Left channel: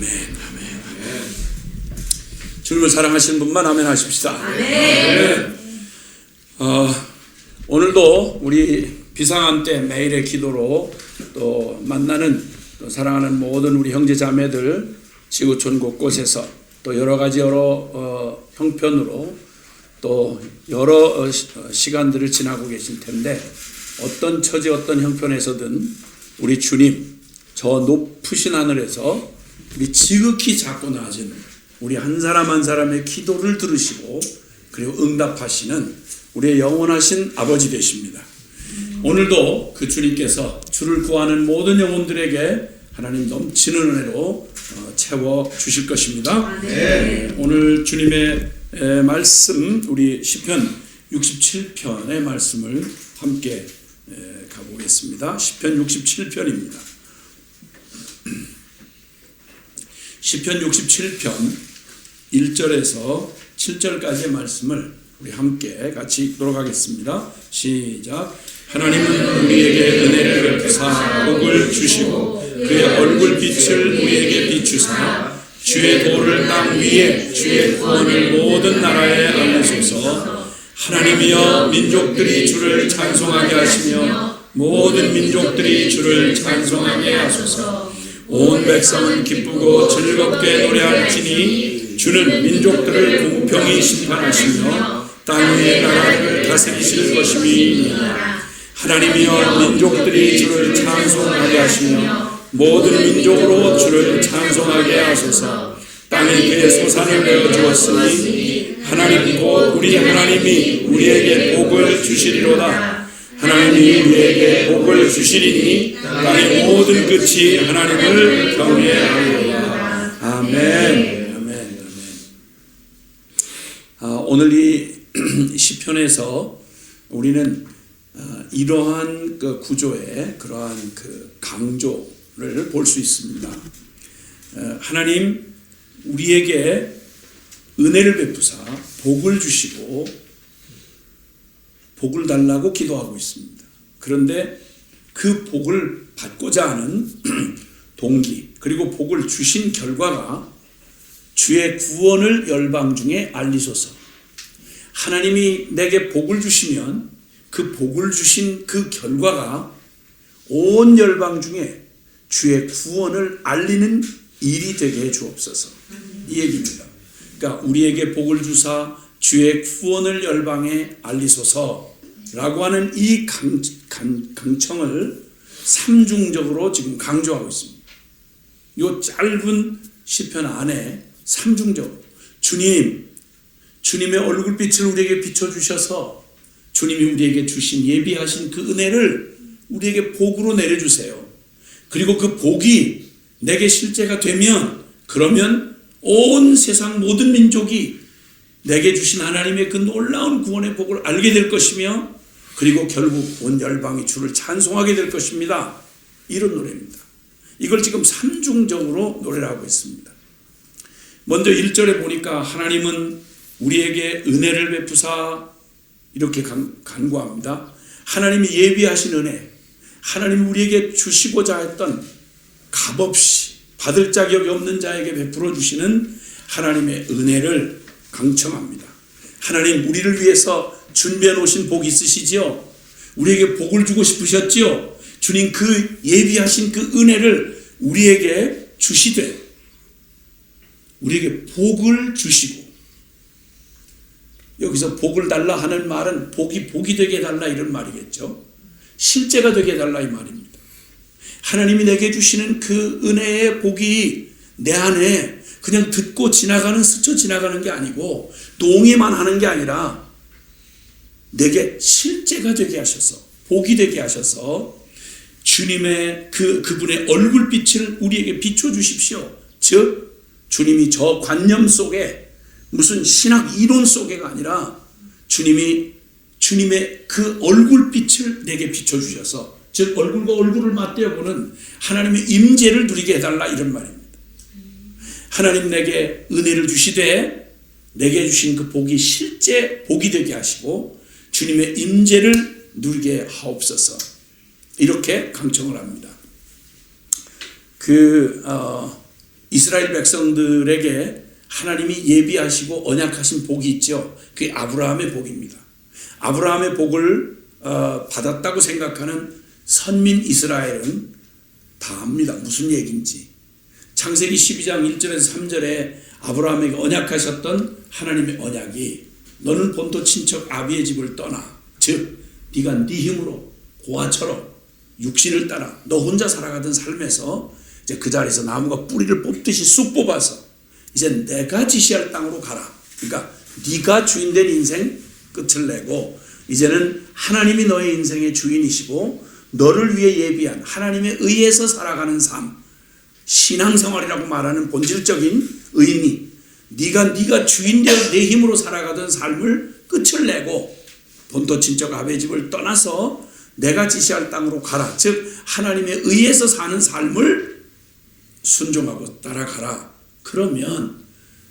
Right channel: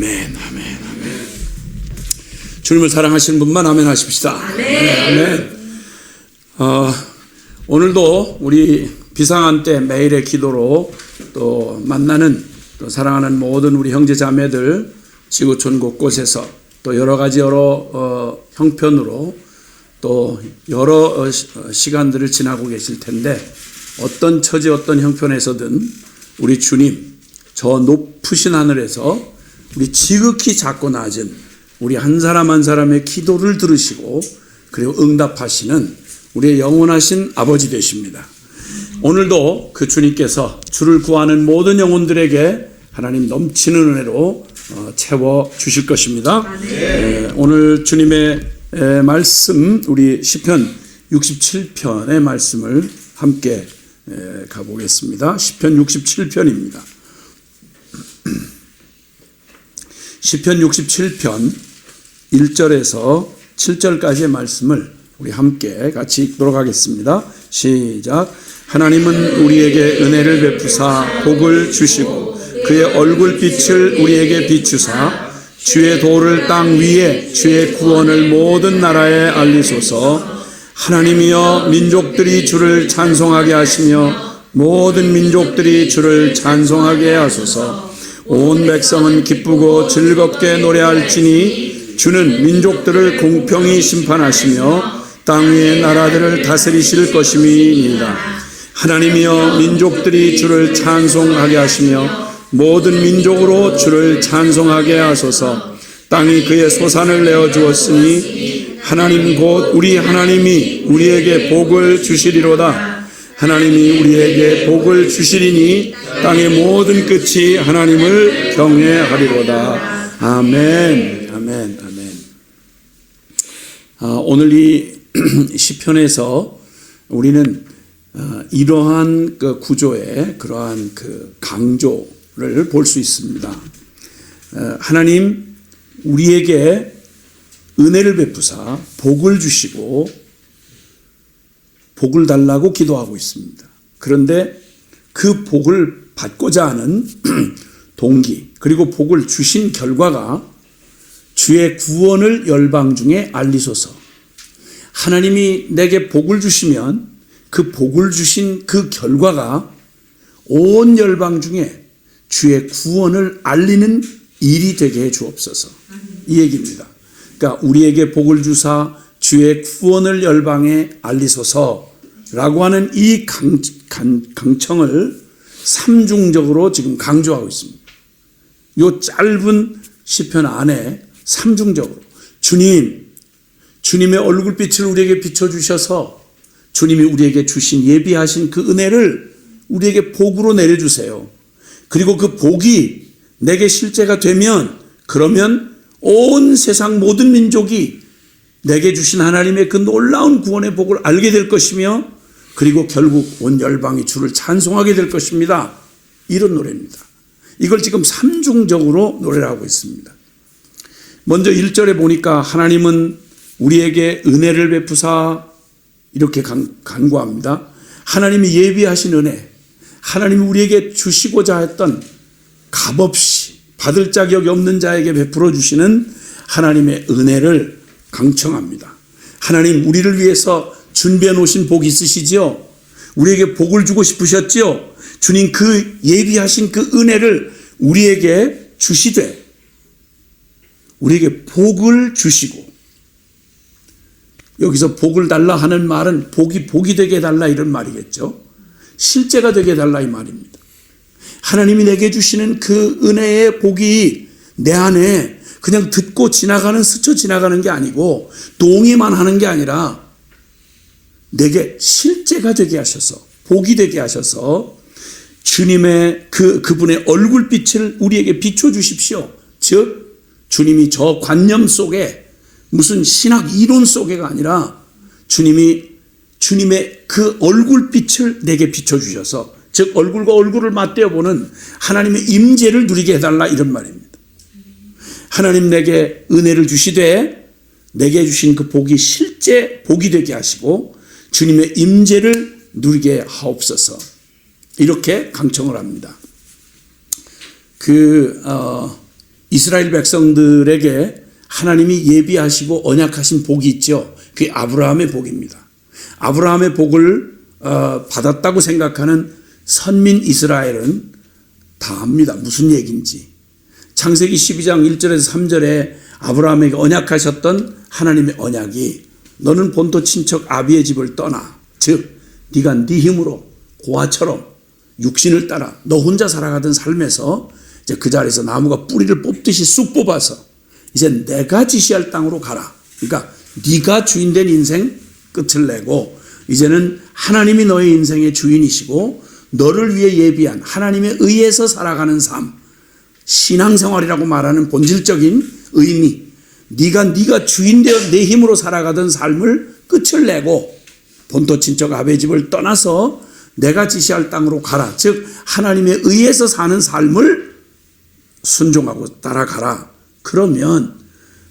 아멘, 아멘, 아멘. 주님을 사랑하시는 분만 아멘 하십시다. 아멘. 오늘도 우리 비상한 때 매일의 기도로 또 만나는 또 사랑하는 모든 우리 형제 자매들 지구촌 곳곳에서 또 여러 형편으로 또 여러 시간들을 지나고 계실 텐데, 어떤 처지 어떤 형편에서든 우리 주님 저 높으신 하늘에서 우리 지극히 작고 낮은 우리 한 사람 한 사람의 기도를 들으시고 그리고 응답하시는 우리의 영원하신 아버지 되십니다. 오늘도 그 주님께서 주를 구하는 모든 영혼들에게 하나님 넘치는 은혜로 채워 주실 것입니다. 오늘 주님의 말씀, 우리 시편 67편의 말씀을 함께 가보겠습니다. 시편 67편입니다. 시편 67편 1절에서 7절까지의 말씀을 우리 함께 같이 읽도록 하겠습니다. 시작. 하나님은 우리에게 은혜를 베푸사 복을 주시고 그의 얼굴빛을 우리에게 비추사 주의 도를 땅 위에 주의 구원을 모든 나라에 알리소서. 하나님이여 민족들이 주를 찬송하게 하시며 모든 민족들이 주를 찬송하게 하소서. 온 백성은 기쁘고 즐겁게 노래할지니 주는 민족들을 공평히 심판하시며 땅 위의 나라들을 다스리실 것임이니이다. 하나님이여 민족들이 주를 찬송하게 하시며 모든 민족으로 주를 찬송하게 하소서. 땅이 그의 소산을 내어 주었으니 하나님 곧 우리 하나님이 우리에게 복을 주시리로다. 하나님이 우리에게 복을 주시리니 땅의 모든 끝이 하나님을 경외하리로다. 아멘, 아멘, 아멘. 오늘 이 시편에서 우리는 이러한 그 구조의 그러한 그 강조를 볼 수 있습니다. 하나님 우리에게 은혜를 베푸사 복을 주시고 복을 달라고 기도하고 있습니다. 그런데 그 복을 받고자 하는 동기, 그리고 복을 주신 결과가 주의 구원을 열방 중에 알리소서. 하나님이 내게 복을 주시면 그 복을 주신 그 결과가 온 열방 중에 주의 구원을 알리는 일이 되게 해 주옵소서. 이 얘기입니다. 그러니까 우리에게 복을 주사 주의 구원을 열방에 알리소서라고 하는 이 강청을 삼중적으로 지금 강조하고 있습니다. 이 짧은 시편 안에 삼중적으로 주님의 얼굴빛을 우리에게 비춰주셔서 주님이 우리에게 주신 예비하신 그 은혜를 우리에게 복으로 내려주세요. 그리고 그 복이 내게 실제가 되면, 그러면 온 세상 모든 민족이 내게 주신 하나님의 그 놀라운 구원의 복을 알게 될 것이며, 그리고 결국 온 열방이 주를 찬송하게 될 것입니다. 이런 노래입니다. 이걸 지금 삼중적으로 노래를 하고 있습니다. 먼저 1절에 보니까 하나님은 우리에게 은혜를 베푸사 이렇게 간구합니다. 하나님이 예비하신 은혜, 하나님이 우리에게 주시고자 했던 값없이 받을 자격이 없는 자에게 베풀어 주시는 하나님의 은혜를 강청합니다. 하나님 우리를 위해서 준비해 놓으신 복이 있으시지요? 우리에게 복을 주고 싶으셨지요? 주님 그 예비하신 그 은혜를 우리에게 주시되, 우리에게 복을 주시고, 여기서 복을 달라 하는 말은 복이 되게 해달라 이런 말이겠죠. 실제가 되게 해달라 이 말입니다. 하나님이 내게 주시는 그 은혜의 복이 내 안에 그냥 듣고 지나가는, 스쳐 지나가는 게 아니고 동의만 하는 게 아니라 내게 실제가 되게 하셔서, 복이 되게 하셔서 주님의 그분의 얼굴빛을 우리에게 비춰주십시오. 즉 주님이 저 관념 속에 무슨 신학 이론 속에가 아니라 주님의 그 얼굴빛을 내게 비춰주셔서, 즉 얼굴과 얼굴을 맞대어 보는 하나님의 임재를 누리게 해달라 이런 말입니다. 하나님 내게 은혜를 주시되 내게 주신 그 복이 실제 복이 되게 하시고 주님의 임재를 누리게 하옵소서. 이렇게 강청을 합니다. 이스라엘 백성들에게 하나님이 예비하시고 언약하신 복이 있죠. 그게 아브라함의 복입니다. 아브라함의 복을 받았다고 생각하는 선민 이스라엘은 다 압니다. 무슨 얘기인지. 창세기 12장 1절에서 3절에 아브라함에게 언약하셨던 하나님의 언약이 너는 본토 친척 아비의 집을 떠나, 즉 네가 네 힘으로 고아처럼 육신을 따라 너 혼자 살아가던 삶에서 이제 그 자리에서 나무가 뿌리를 뽑듯이 쑥 뽑아서 이제 내가 지시할 땅으로 가라. 그러니까 네가 주인된 인생 끝을 내고 이제는 하나님이 너의 인생의 주인이시고 너를 위해 예비한 하나님에 의해서 살아가는 삶, 신앙생활이라고 말하는 본질적인 의미, 네가 주인되어 내 힘으로 살아가던 삶을 끝을 내고 본토 친척 아베 집을 떠나서 내가 지시할 땅으로 가라. 즉 하나님에 의해서 사는 삶을 순종하고 따라가라. 그러면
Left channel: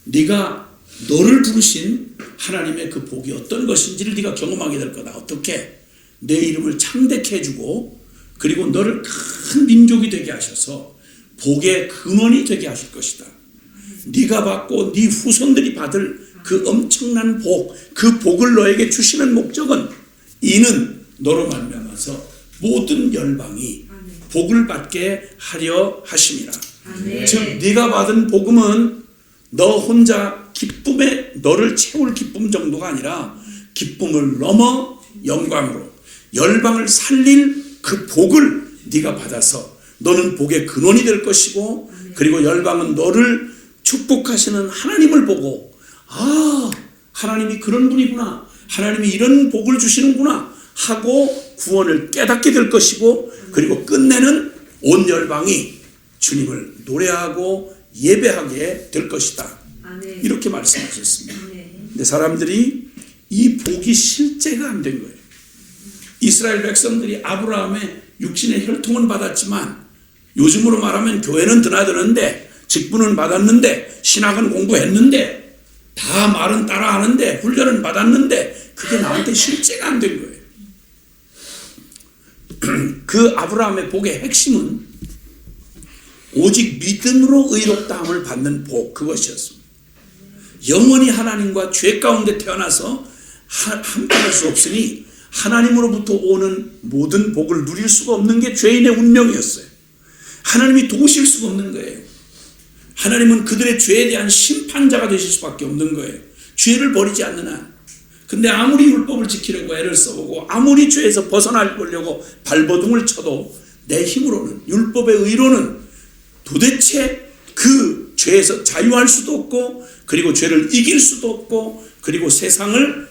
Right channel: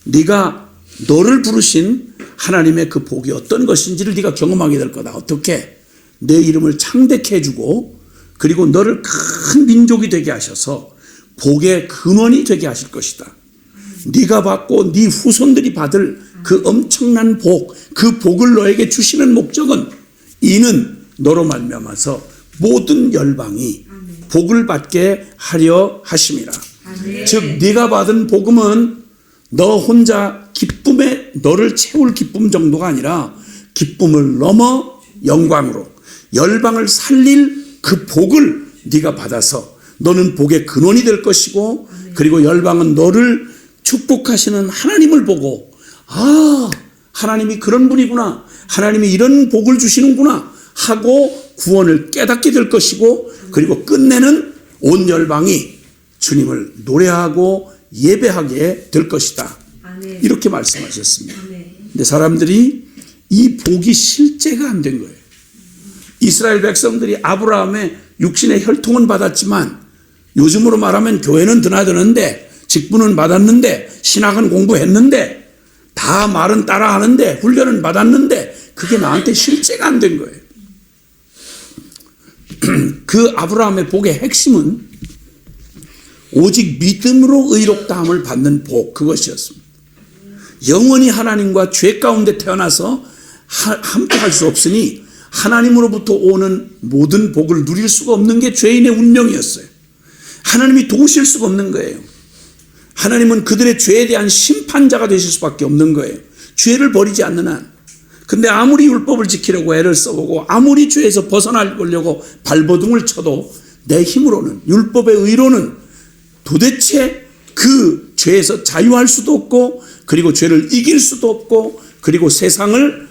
네가 너를 부르신 하나님의 그 복이 어떤 것인지를 네가 경험하게 될 거다. 어떻게? 내 이름을 창대케 해주고 그리고 너를 큰 민족이 되게 하셔서 복의 근원이 되게 하실 것이다. 네가 받고 네 후손들이 받을 그 엄청난 복, 그 복을 너에게 주시는 목적은 이는 너로 말미암아서 모든 열방이 복을 받게 하려 하심이라. 즉 네가 받은 복음은 너 혼자 기쁨에 너를 채울 기쁨 정도가 아니라 기쁨을 넘어 영광으로 열방을 살릴 그 복을 네가 받아서 너는 복의 근원이 될 것이고 그리고 열방은 너를 축복하시는 하나님을 보고 아, 하나님이 그런 분이구나, 하나님이 이런 복을 주시는구나 하고 구원을 깨닫게 될 것이고 그리고 끝내는 온 열방이 주님을 노래하고 예배하게 될 것이다. 아멘. 이렇게 말씀하셨습니다. 근데 사람들이 이 복이 실제가 안 된 거예요. 이스라엘 백성들이 아브라함의 육신의 혈통은 받았지만 요즘으로 말하면 교회는 드나드는데 직분은 받았는데 신학은 공부했는데 다 말은 따라하는데 훈련은 받았는데 그게 나한테 실제가 안 된 거예요. 그 아브라함의 복의 핵심은 오직 믿음으로 의롭다함을 받는 복, 그것이었습니다. 영원히 하나님과 죄 가운데 태어나서 함께할 수 없으니 하나님으로부터 오는 모든 복을 누릴 수가 없는 게 죄인의 운명이었어요. 하나님이 도우실 수가 없는 거예요. 하나님은 그들의 죄에 대한 심판자가 되실 수밖에 없는 거예요. 죄를 버리지 않는 한. 근데 아무리 율법을 지키려고 애를 써보고 아무리 죄에서 벗어나려고 발버둥을 쳐도 내 힘으로는, 율법의 의로는 도대체 그 죄에서 자유할 수도 없고 그리고 죄를 이길 수도 없고 그리고 세상을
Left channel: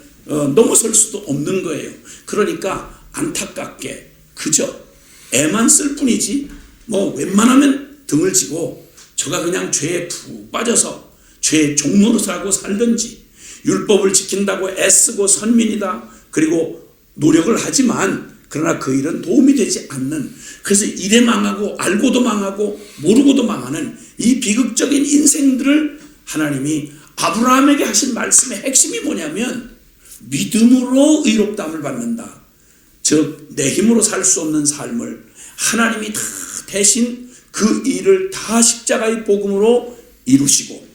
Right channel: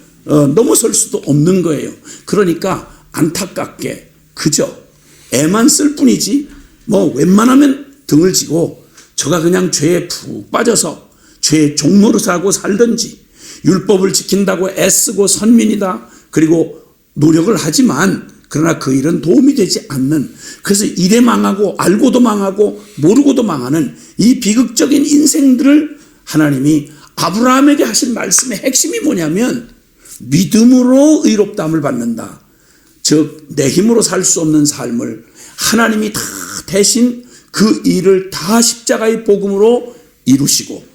넘어설 수도 없는 거예요. 그러니까 안타깝게 그저 애만 쓸 뿐이지 뭐 웬만하면 등을 지고 저가 그냥 죄에 푹 빠져서 죄의 종로로 살고 살든지 율법을 지킨다고 애쓰고 선민이다 그리고 노력을 하지만 그러나 그 일은 도움이 되지 않는, 그래서 이래 망하고 알고도 망하고 모르고도 망하는 이 비극적인 인생들을 하나님이 아브라함에게 하신 말씀의 핵심이 뭐냐면 믿음으로 의롭다함을 받는다. 즉 내 힘으로 살 수 없는 삶을 하나님이 다 대신 그 일을 다 십자가의 복음으로 이루시고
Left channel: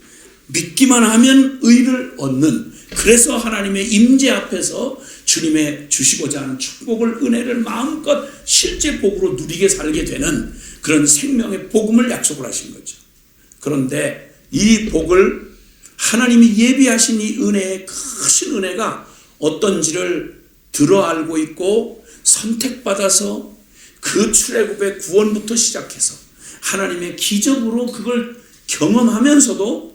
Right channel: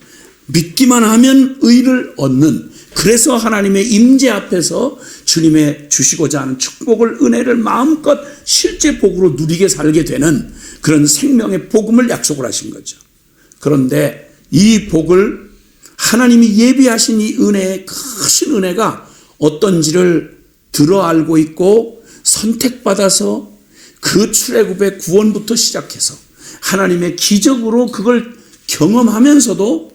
믿기만 하면 의를 얻는, 그래서 하나님의 임재 앞에서 주님의 주시고자 하는 축복을, 은혜를 마음껏 실제 복으로 누리게 살게 되는 그런 생명의 복음을 약속을 하신 거죠. 그런데 이 복을 하나님이 예비하신 이 은혜의 크신 은혜가 어떤지를 들어 알고 있고 선택받아서 그 출애굽의 구원부터 시작해서 하나님의 기적으로 그걸 경험하면서도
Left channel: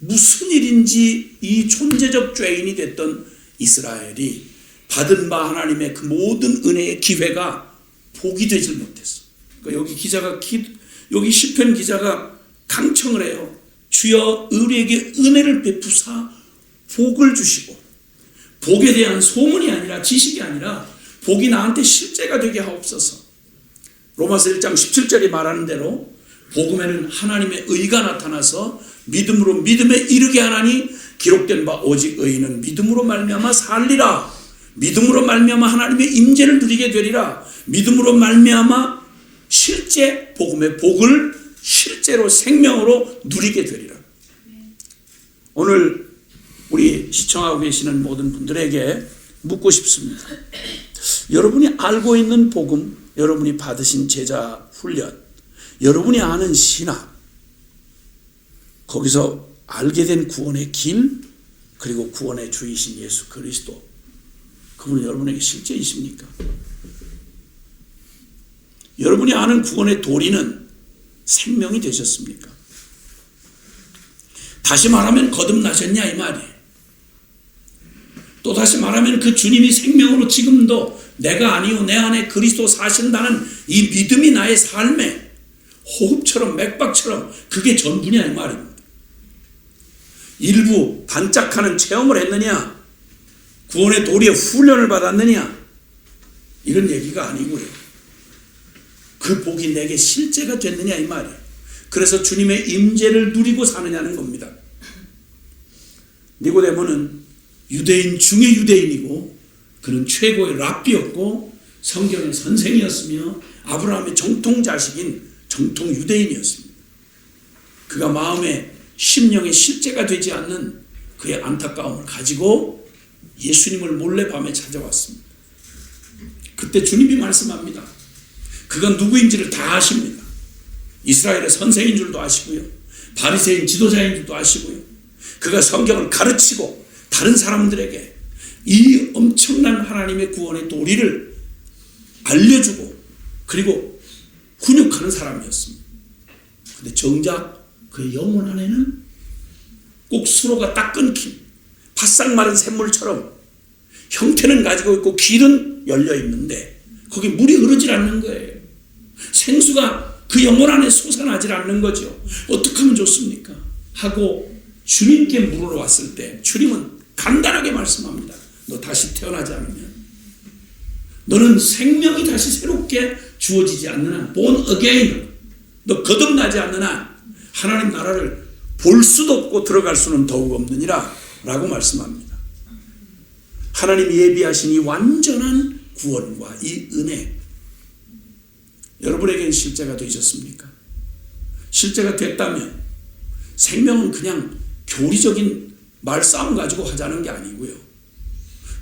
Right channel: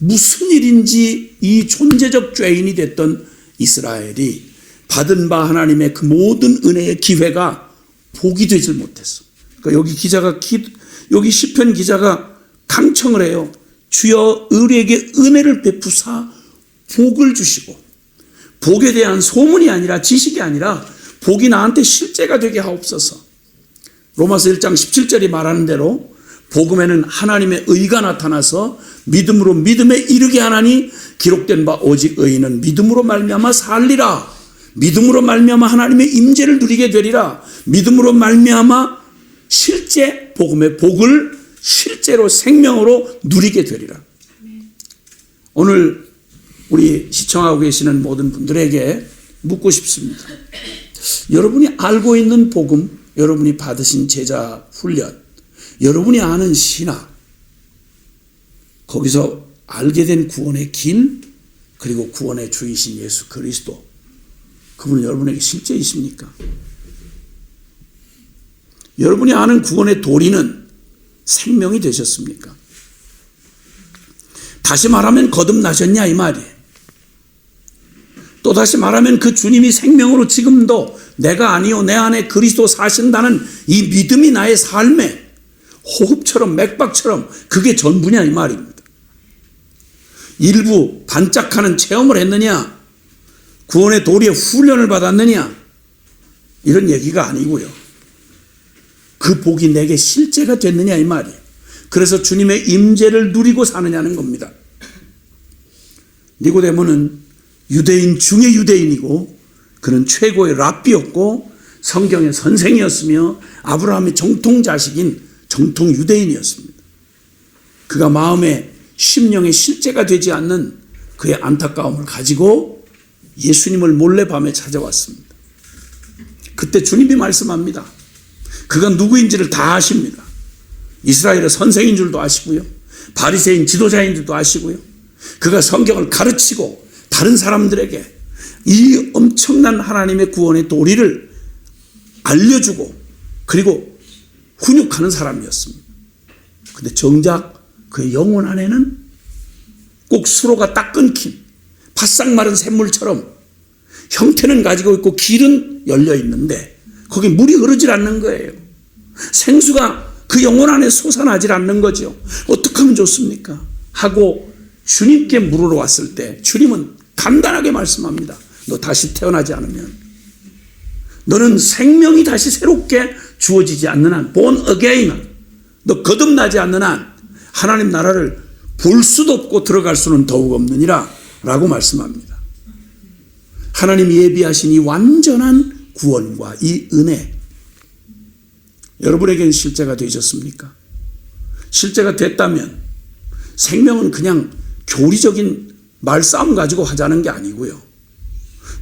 무슨 일인지 이 존재적 죄인이 됐던 이스라엘이 받은 바 하나님의 그 모든 은혜의 기회가 복이 되질 못했어. 그러니까 여기 시편 기자가 강청을 해요. 주여 우리에게 은혜를 베푸사 복을 주시고, 복에 대한 소문이 아니라 지식이 아니라 복이 나한테 실제가 되게 하옵소서. 로마서 1장 17절이 말하는 대로 복음에는 하나님의 의가 나타나서 믿음으로 믿음에 이르게 하나니 기록된 바 오직 의인은 믿음으로 말미암아 살리라. 믿음으로 말미암아 하나님의 임재를 누리게 되리라. 믿음으로 말미암아 실제 복음의 복을 실제로 생명으로 누리게 되리라. 오늘 우리 시청하고 계시는 모든 분들에게 묻고 싶습니다. 여러분이 알고 있는 복음, 여러분이 받으신 제자 훈련, 여러분이 아는 신학, 거기서 알게 된 구원의 길, 그리고 구원의 주이신 예수 그리스도, 그분은 여러분에게 실제이십니까? 여러분이 아는 구원의 도리는 생명이 되셨습니까? 다시 말하면 거듭나셨냐 이 말이에요. 또 다시 말하면 그 주님이 생명으로 지금도 내가 아니요 내 안에 그리스도 사신다는 이 믿음이 나의 삶에 호흡처럼 맥박처럼 그게 전부냐 이 말입니다. 일부 반짝하는 체험을 했느냐, 구원의 도리의 훈련을 받았느냐, 이런 얘기가 아니고요. 그 복이 내게 실제가 됐느냐 이 말이에요. 그래서 주님의 임재를 누리고 사느냐는 겁니다. 니고데모는 유대인 중의 유대인이고 그는 최고의 랍비였고 성경의 선생이었으며 아브라함의 정통 자식인 정통 유대인이었습니다. 그가 마음에 심령의 실제가 되지 않는 그의 안타까움을 가지고 예수님을 몰래 밤에 찾아왔습니다. 그때 주님이 말씀합니다. 그가 누구인지를 다 아십니다. 이스라엘의 선생인 줄도 아시고요. 바리새인 지도자인 줄도 아시고요. 그가 성경을 가르치고 다른 사람들에게 이 엄청난 하나님의 구원의 도리를 알려주고 그리고 훈육하는 사람이었습니다. 그런데 정작 그의 영혼 안에는 꼭 수로가 딱 끊긴 바싹 마른 샘물처럼 형태는 가지고 있고 길은 열려 있는데 거기 물이 흐르질 않는 거예요. 생수가 그 영혼 안에 솟아나질 않는 거죠. 어떻게 하면 좋습니까? 하고 주님께 물으러 왔을 때 주님은 간단하게 말씀합니다. 너 다시 태어나지 않으면, 너는 생명이 다시 새롭게 주어지지 않는 한, born again, 너 거듭나지 않는 한 하나님 나라를 볼 수도 없고 들어갈 수는 더욱 없느니라 라고 말씀합니다. 하나님이 예비하신 이 완전한 구원과 이 은혜, 여러분에게는 실제가 되셨습니까? 실제가 됐다면 생명은 그냥 교리적인 말싸움 가지고 하자는 게 아니고요.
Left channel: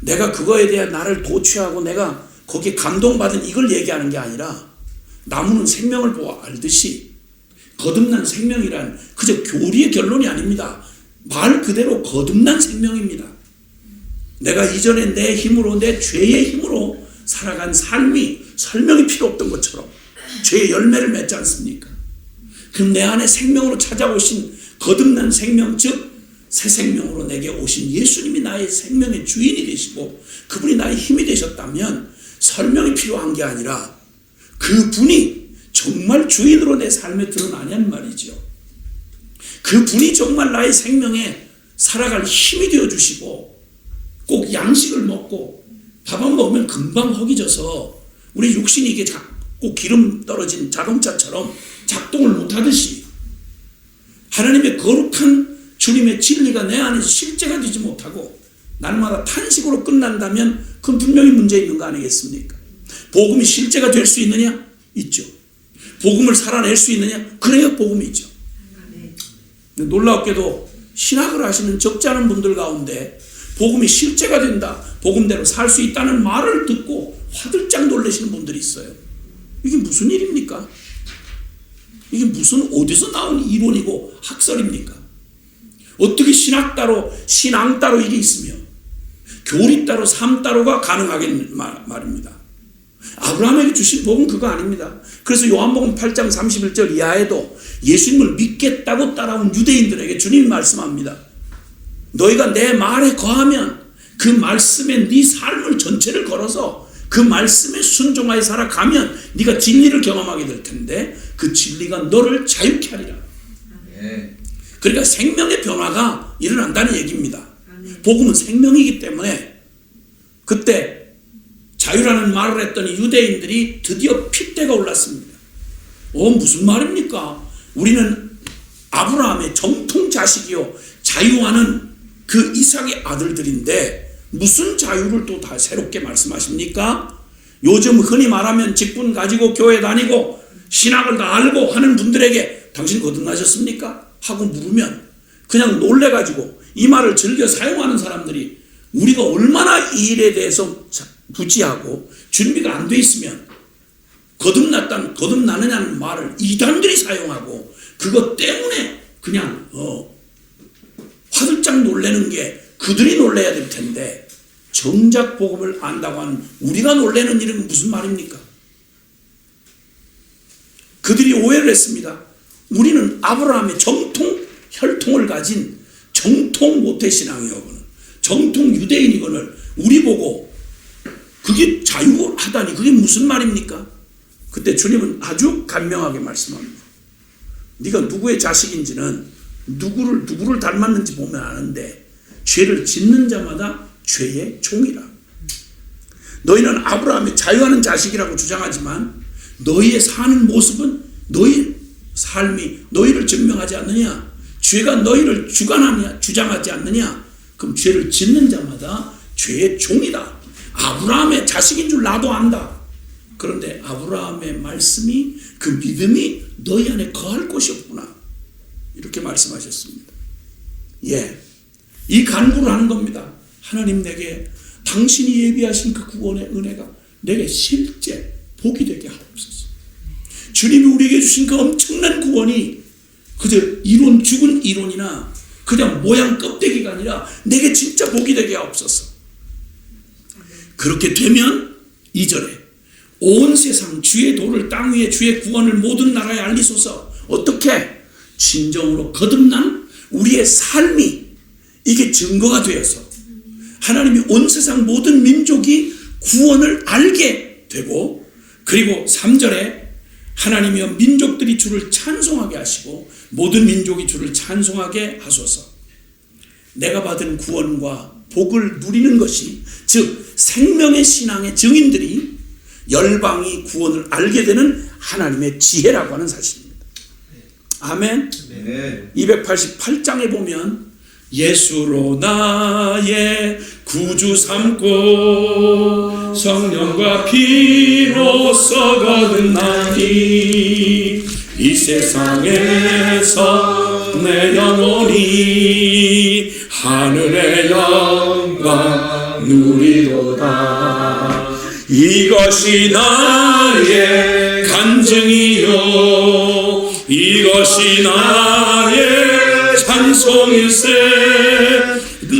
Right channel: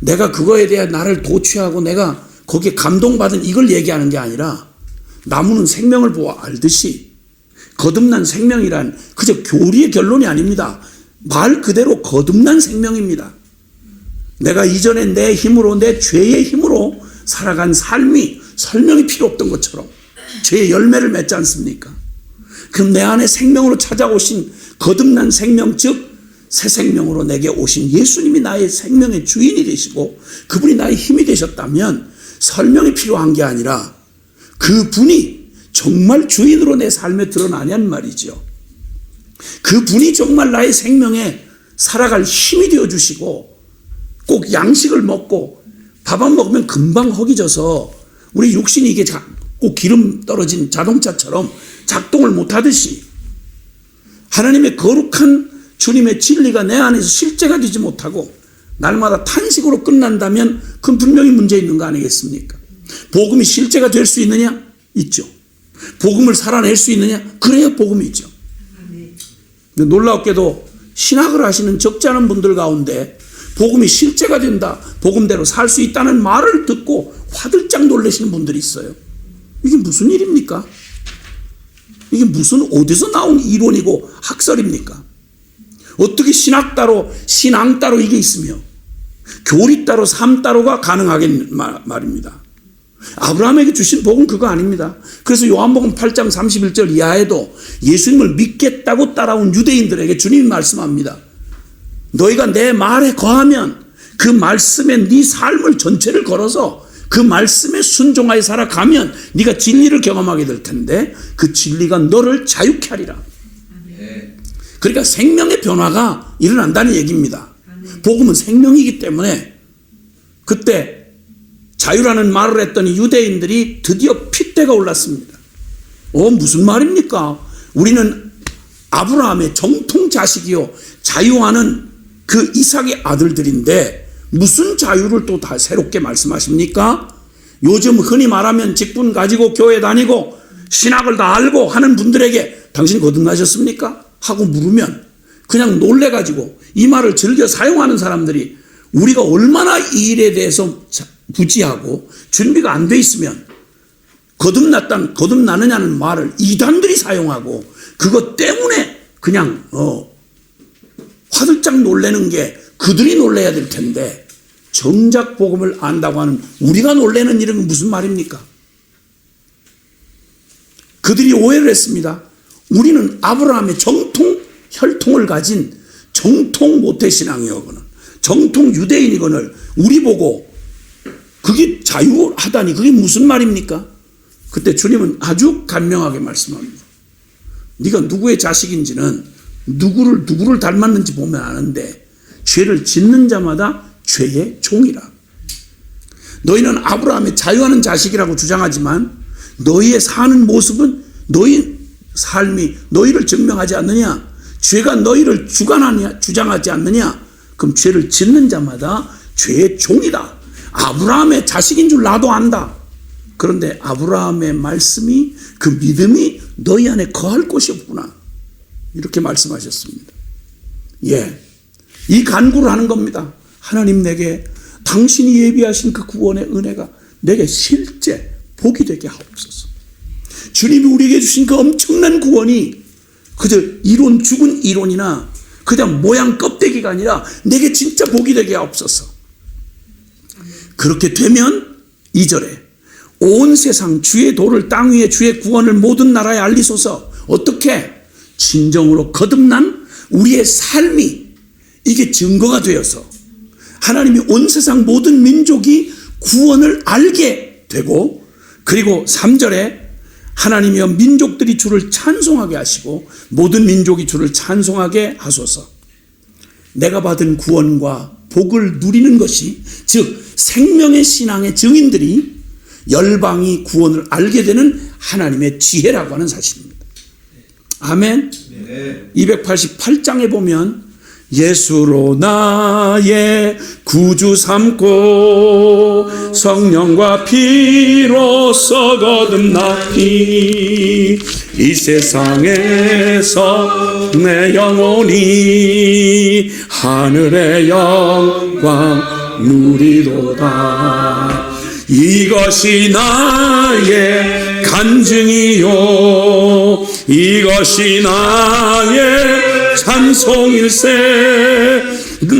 내가 그거에 대해 나를 도취하고 내가 거기에 감동받은 이걸 얘기하는 게 아니라 나무는 생명을 보아 알듯이 거듭난 생명이란 그저 교리의 결론이 아닙니다. 말 그대로 거듭난 생명입니다. 내가 이전에 내 힘으로, 내 죄의 힘으로 살아간 삶이 설명이 필요 없던 것처럼 죄의 열매를 맺지 않습니까? 그럼 내 안에 생명으로 찾아오신 거듭난 생명, 즉 새 생명으로 내게 오신 예수님이 나의 생명의 주인이 되시고 그분이 나의 힘이 되셨다면 설명이 필요한 게 아니라 그분이 정말 주인으로 내 삶에 드러나냔 말이죠. 그분이 정말 나의 생명에 살아갈 힘이 되어주시고 꼭 양식을 먹고 밥 안 먹으면 금방 허기져서 우리 육신이 이게 꼭 기름 떨어진 자동차처럼 작동을 못하듯이 하나님의 거룩한 주님의 진리가 내 안에서 실제가 되지 못하고 날마다 탄식으로 끝난다면 그건 분명히 문제 있는 거 아니겠습니까? 복음이 실제가 될 수 있느냐? 있죠. 복음을 살아낼 수 있느냐? 그래야 복음이 있죠. 근데 놀랍게도 신학을 하시는 적지 않은 분들 가운데 복음이 실제가 된다, 복음대로 살 수 있다는 말을 듣고 화들짝 놀라시는 분들이 있어요. 이게 무슨 일입니까? 이게 무슨 어디서 나온 이론이고 학설입니까? 어떻게 신학 따로 신앙 따로 이게 있으며 교리 따로 삶 따로가 가능하겠 말입니다. 아브라함에게 주신 복은 그거 아닙니다. 그래서 요한복음 8장 31절 이하에도 예수님을 믿겠다고 따라온 유대인들에게 주님이 말씀합니다. 너희가 내 말에 거하면 그 말씀에 네 삶을 전체를 걸어서 그 말씀에 순종하여 살아가면 네가 진리를 경험하게 될 텐데 그 진리가 너를 자유케 하리라. 그러니까 생명의 변화가 일어난다는 얘기입니다. 복음은 생명이기 때문에 그때 자유라는 말을 했더니 유대인들이 드디어 핏대가 올랐습니다. 무슨 말입니까? 우리는 아브라함의 정통 자식이요 자유하는 그 이삭의 아들들인데 무슨 자유를 또 다 새롭게 말씀하십니까? 요즘 흔히 말하면 직분 가지고 교회 다니고 신학을 다 알고 하는 분들에게 당신 거듭나셨습니까? 하고 물으면 그냥 놀래가지고 이 말을 즐겨 사용하는 사람들이 우리가 얼마나 이 일에 대해서 무지하고 준비가 안 돼 있으면 거듭나느냐는 말을 이단들이 사용하고 그것 때문에 그냥 화들짝 놀래는 게 그들이 놀래야 될 텐데 정작 복음을 안다고 하는 우리가 놀래는 일은 무슨 말입니까? 그들이 오해를 했습니다. 우리는 아브라함의 정통 혈통을 가진 정통 모태신앙이거든 정통 유대인이거늘 우리 보고 그게 자유하다니 그게 무슨 말입니까? 그때 주님은 아주 간명하게 말씀합니다. 네가 누구의 자식인지는 누구를 닮았는지 보면 아는데 죄를 짓는 자마다 죄의 종이라. 너희는 아브라함의 자유하는 자식이라고 주장하지만 너희의 사는 모습은 너희 삶이 너희를 증명하지 않느냐? 죄가 너희를 주장하지 않느냐? 그럼 죄를 짓는 자마다 죄의 종이다. 아브라함의 자식인 줄 나도 안다. 그런데 아브라함의 말씀이 그 믿음이 너희 안에 거할 곳이 없구나. 이렇게 말씀하셨습니다. 예, 이 간구를 하는 겁니다. 하나님 내게 당신이 예비하신 그 구원의 은혜가 내게 실제 복이 되게 하옵소서. 주님이 우리에게 주신 그 엄청난 구원이 그저 죽은 이론이나 그냥 모양 껍데기가 아니라 내게 진짜 복이 되게 하옵소서. 그렇게 되면 2절에 온 세상 주의 도를 땅 위에 주의 구원을 모든 나라에 알리소서. 어떻게? 진정으로 거듭난 우리의 삶이 이게 증거가 되어서 하나님이 온 세상 모든 민족이 구원을 알게 되고 그리고 3절에 하나님이여 민족들이 주를 찬송하게 하시고 모든 민족이 주를 찬송하게 하소서. 내가 받은 구원과 복을 누리는 것이 즉 생명의 신앙의 증인들이 열방이 구원을 알게 되는 하나님의 지혜라고 하는 사실입니다. 아멘. 288장에 보면 예수로 나의 구주 삼고 성령과 피로써 거듭나니 이 세상에서 내 영혼이 하늘의 영광 누리도다. 이것이 나의 간증이요 이것이 나의 찬송일세.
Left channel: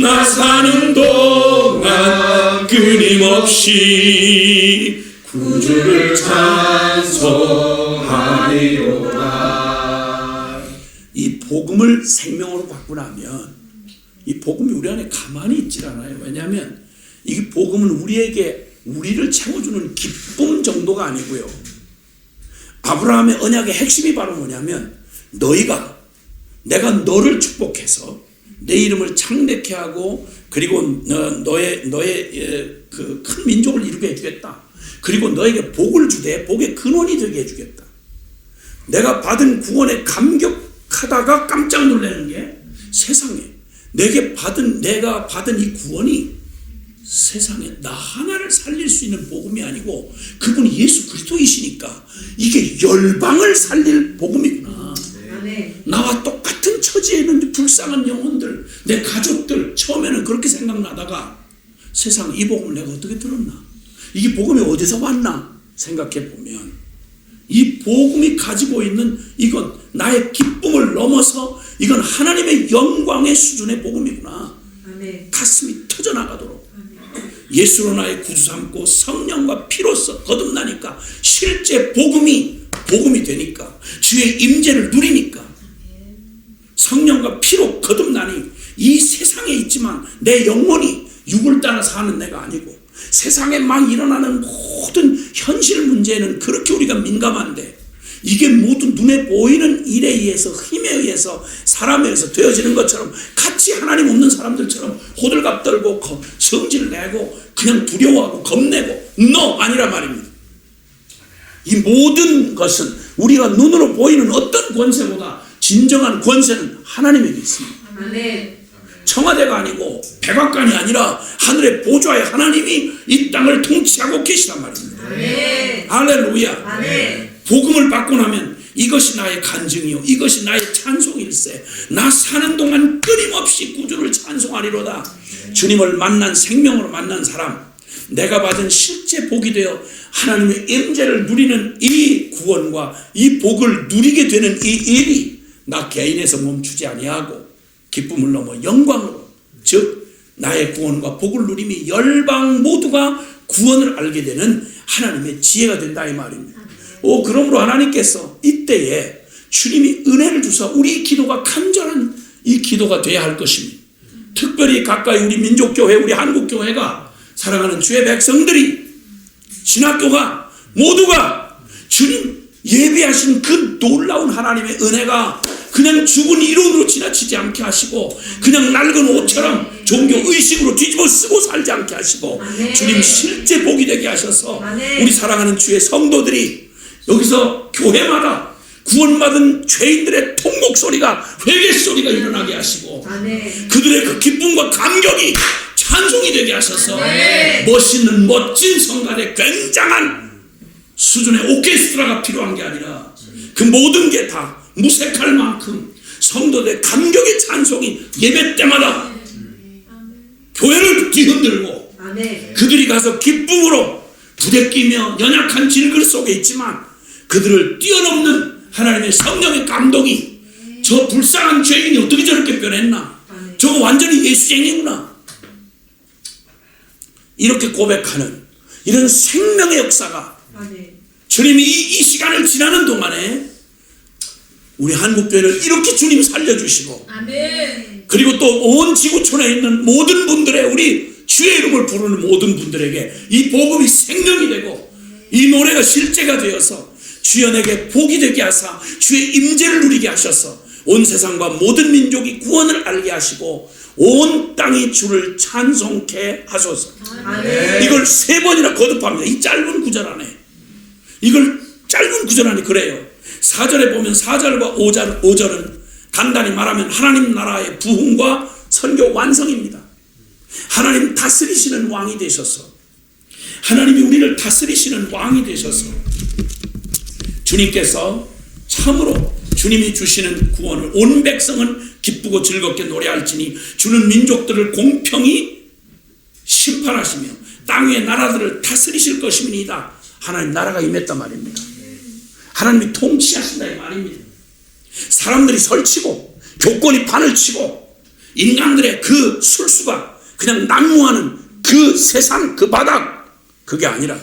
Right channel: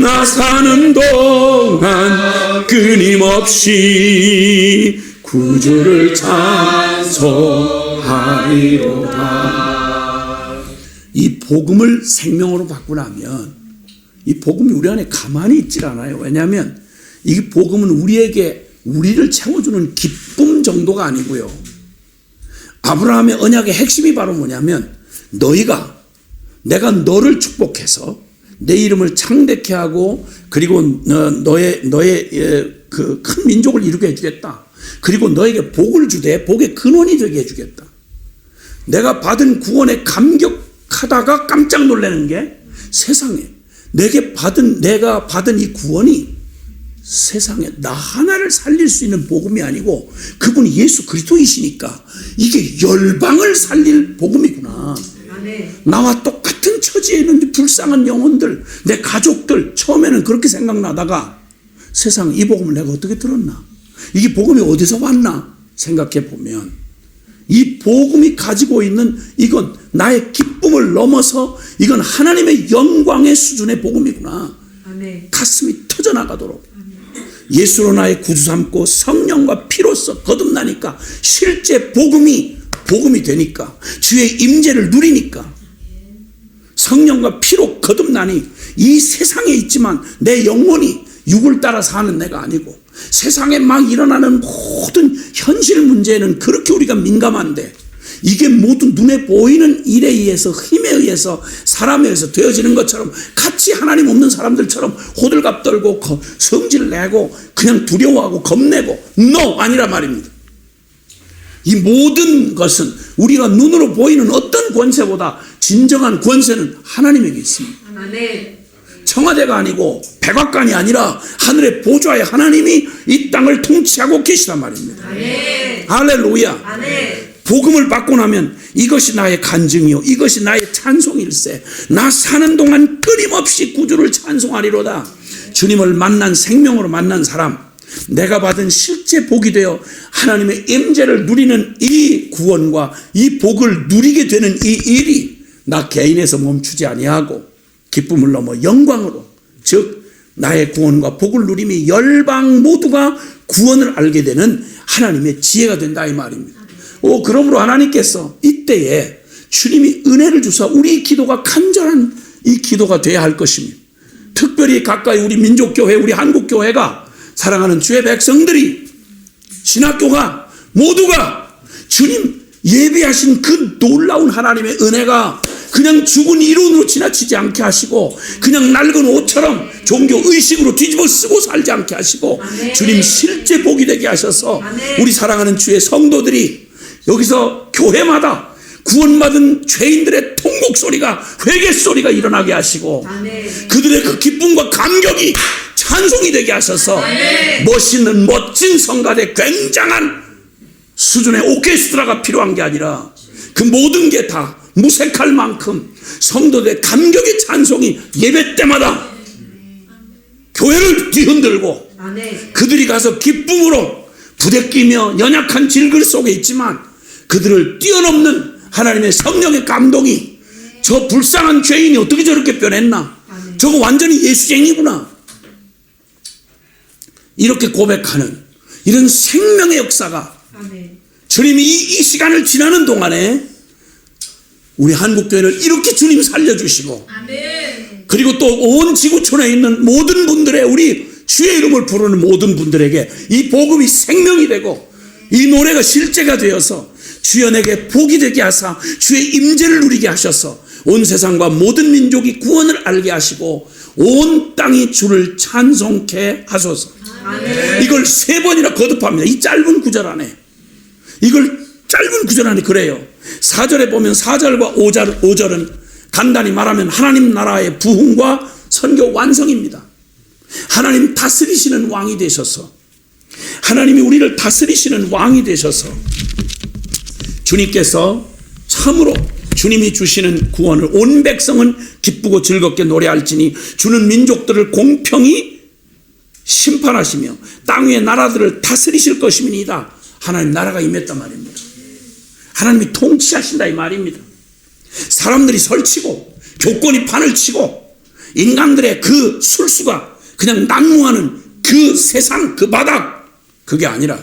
나 사는 동안 끊임없이 구주를 찬송하리로다. 이 복음을 생명으로 받고 나면 이 복음이 우리 안에 가만히 있질 않아요. 왜냐하면 이 복음은 우리를 채워주는 기쁨 정도가 아니고요. 아브라함의 언약의 핵심이 바로 뭐냐면 내가 너를 축복해서 내 이름을 창대케 하고 그리고 너의 그 큰 민족을 이루게 해주겠다. 그리고 너에게 복을 주되 복의 근원이 되게 해주겠다. 내가 받은 구원에 감격하다가 깜짝 놀라는 게 세상에 내가 받은 이 구원이 세상에 나 하나를 살릴 수 있는 복음이 아니고 그분이 예수 그리스도이시니까 이게 열방을 살릴 복음이구나. 나와 똑같은 처지에 있는 불쌍한 영혼들, 내 가족들 처음에는 그렇게 생각나다가 세상 이 복음을 내가 어떻게 들었나? 이게 복음이 어디서 왔나? 생각해 보면 이 복음이 가지고 있는 이건 나의 기쁨을 넘어서 이건 하나님의 영광의 수준의 복음이구나. 가슴이 터져나가도록 예수로 나의 구주 삼고 성령과 피로써 거듭나니까 실제 복음이 되니까 주의 임재를 누리니까 성령과 피로 거듭나니 이 세상에 있지만 내 영혼이 육을 따라 사는 내가 아니고 세상에 막 일어나는 모든 현실 문제에는 그렇게 우리가 민감한데 이게 모두 눈에 보이는 일에 의해서 힘에 의해서 사람에 의해서 되어지는 것처럼 같이 하나님 없는 사람들처럼 호들갑 떨고 성질 내고 그냥 두려워하고 겁내고 아니라 말입니다. 이 모든 것은 우리가 눈으로 보이는 어떤 권세보다 진정한 권세는 하나님에게 있습니다. 청와대가 아니고 백악관이 아니라 하늘의 보좌의 하나님이 이 땅을 통치하고 계시단 말입니다. 할렐루야. 복음을 받고 나면 이것이 나의 간증이요 이것이 나의 찬송일세. 나 사는 동안 끊임없이 구주를 찬송하리로다. 주님을 만난 생명으로 만난 사람, 내가 받은 실제 복이 되어 하나님의 임재를 누리는 이 구원과 이 복을 누리게 되는 이 일이 나 개인에서 멈추지 아니하고 기쁨을 넘어 영광으로, 즉 나의 구원과 복을 누림이 열방 모두가 구원을 알게 되는 하나님의 지혜가 된다 이 말입니다. 그러므로 하나님께서 이때에 주님이 은혜를 주사 우리 기도가 간절한 이 기도가 돼야 할 것입니다. 특별히 가까이 우리 민족교회, 우리 한국교회가 사랑하는 주의 백성들이, 신학교가 모두가 주님 예비하신 그 놀라운 하나님의 은혜가 그냥 죽은 이론으로 지나치지 않게 하시고 그냥 낡은 옷처럼 종교 의식으로 뒤집어 쓰고 살지 않게 하시고 주님 실제 복이 되게 하셔서 우리 사랑하는 주의 성도들이 여기서 교회마다 구원받은 죄인들의 통곡 소리가, 회개 소리가 일어나게 하시고 그들의 그 기쁨과 감격이 찬송이 되게 하셔서 멋있는 멋진 성가대 굉장한 수준의 오케스트라가 필요한 게 아니라 그 모든 게 다 무색할 만큼 성도들의 감격의 찬송이 예배 때마다 교회를 뒤흔들고 그들이 가서 기쁨으로 부대끼며 연약한 질글 속에 있지만 그들을 뛰어넘는 하나님의 성령의 감동이, 저 불쌍한 죄인이 어떻게 저렇게 변했나, 저거 완전히 예수쟁이구나, 이렇게 고백하는 이런 생명의 역사가 주님이 이 시간을 지나는 동안에 우리 한국교회를 이렇게 주님 살려주시고 그리고 또 온 지구촌에 있는 모든 분들의, 우리 주의 이름을 부르는 모든 분들에게 이 복음이 생명이 되고 이 노래가 실제가 되어서 주여 내게 복이 되게 하사 주의 임재를 누리게 하셔서 온 세상과 모든 민족이 구원을 알게 하시고 온 땅이 주를 찬송케 하소서. 이걸 3번이나 거듭합니다. 이 짧은 구절 안에, 이걸 짧은 구절 안에 그래요. 4절에 보면 4절과 5절은 간단히 말하면 하나님 나라의 부흥과 선교 완성입니다. 하나님 다스리시는 왕이 되셔서, 하나님이 우리를 다스리시는 왕이 되셔서 주님께서 참으로 주님이 주시는 구원을 온 백성은 기쁘고 즐겁게 노래할지니 주는 민족들을 공평히 심판하시며 땅 위의 나라들을 다스리실 것임이니이다. 하나님 나라가 임했단 말입니다. 하나님이 통치하신다 이 말입니다. 사람들이 설치고 교권이 판을 치고 인간들의 그 술수가 그냥 난무하는 그 세상, 그 바닥, 그게 아니라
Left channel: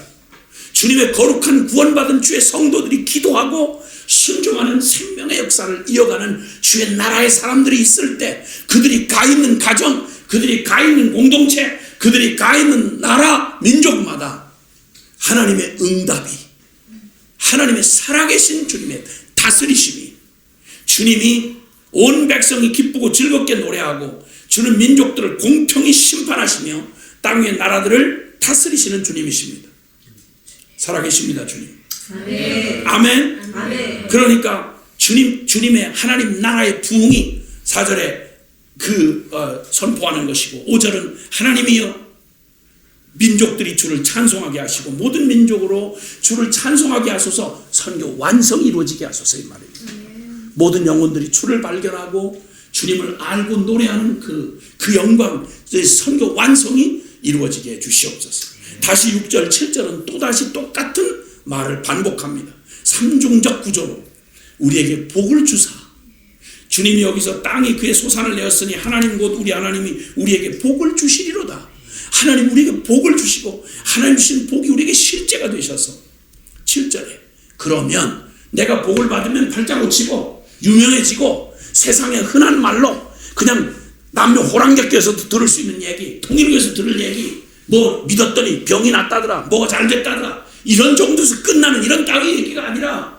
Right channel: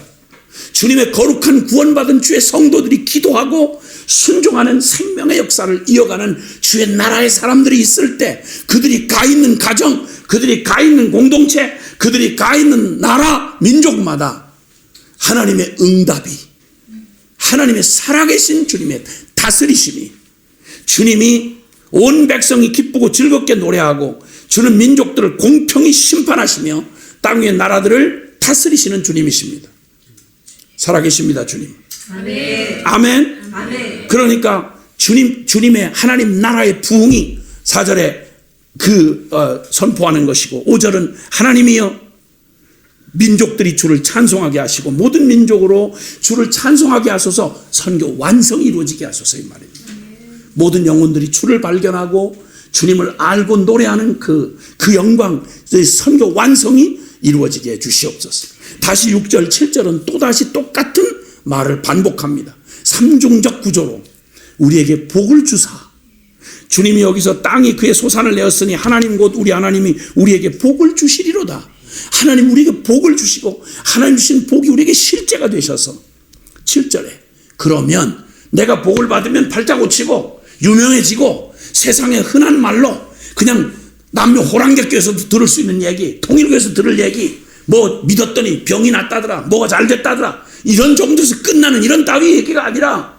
주님의 거룩한 구원받은 주의 성도들이 기도하고 순종하는 생명의 역사를 이어가는 주의 나라의 사람들이 있을 때 그들이 가 있는 가정, 그들이 가 있는 공동체, 그들이 가 있는 나라, 민족마다 하나님의 응답이, 하나님의 살아계신 주님의 다스리심이, 주님이 온 백성이 기쁘고 즐겁게 노래하고 주는 민족들을 공평히 심판하시며 땅 위의 나라들을 다스리시는 주님이십니다. 살아계십니다 주님. 아멘. 아멘. 그러니까 주님의 하나님 나라의 부흥이 4절에 선포하는 것이고 5절은 하나님이여 민족들이 주를 찬송하게 하시고 모든 민족으로 주를 찬송하게 하소서, 선교 완성이 이루어지게 하소서 이 말입니다. 모든 영혼들이 주를 발견하고 주님을 알고 노래하는 그 영광, 선교 완성이 이루어지게 해 주시옵소서. 다시 6절 7절은 또다시 똑같은 말을 반복합니다. 삼중적 구조로 우리에게 복을 주사, 주님이 여기서 땅이 그의 소산을 내었으니 하나님 곧 우리 하나님이 우리에게 복을 주시리로다. 하나님 우리에게 복을 주시고 하나님 주신 복이 우리에게 실제가 되셔서 7절에 그러면 내가 복을 받으면 발자 고치고 유명해지고 세상의 흔한 말로 그냥 남녀 호랑객교에서도 들을 수 있는 얘기, 통일교에서 들을 얘기, 뭐 믿었더니 병이 낫다더라, 뭐가 잘 됐다더라, 이런 정도에서 끝나는 이런 따위 얘기가 아니라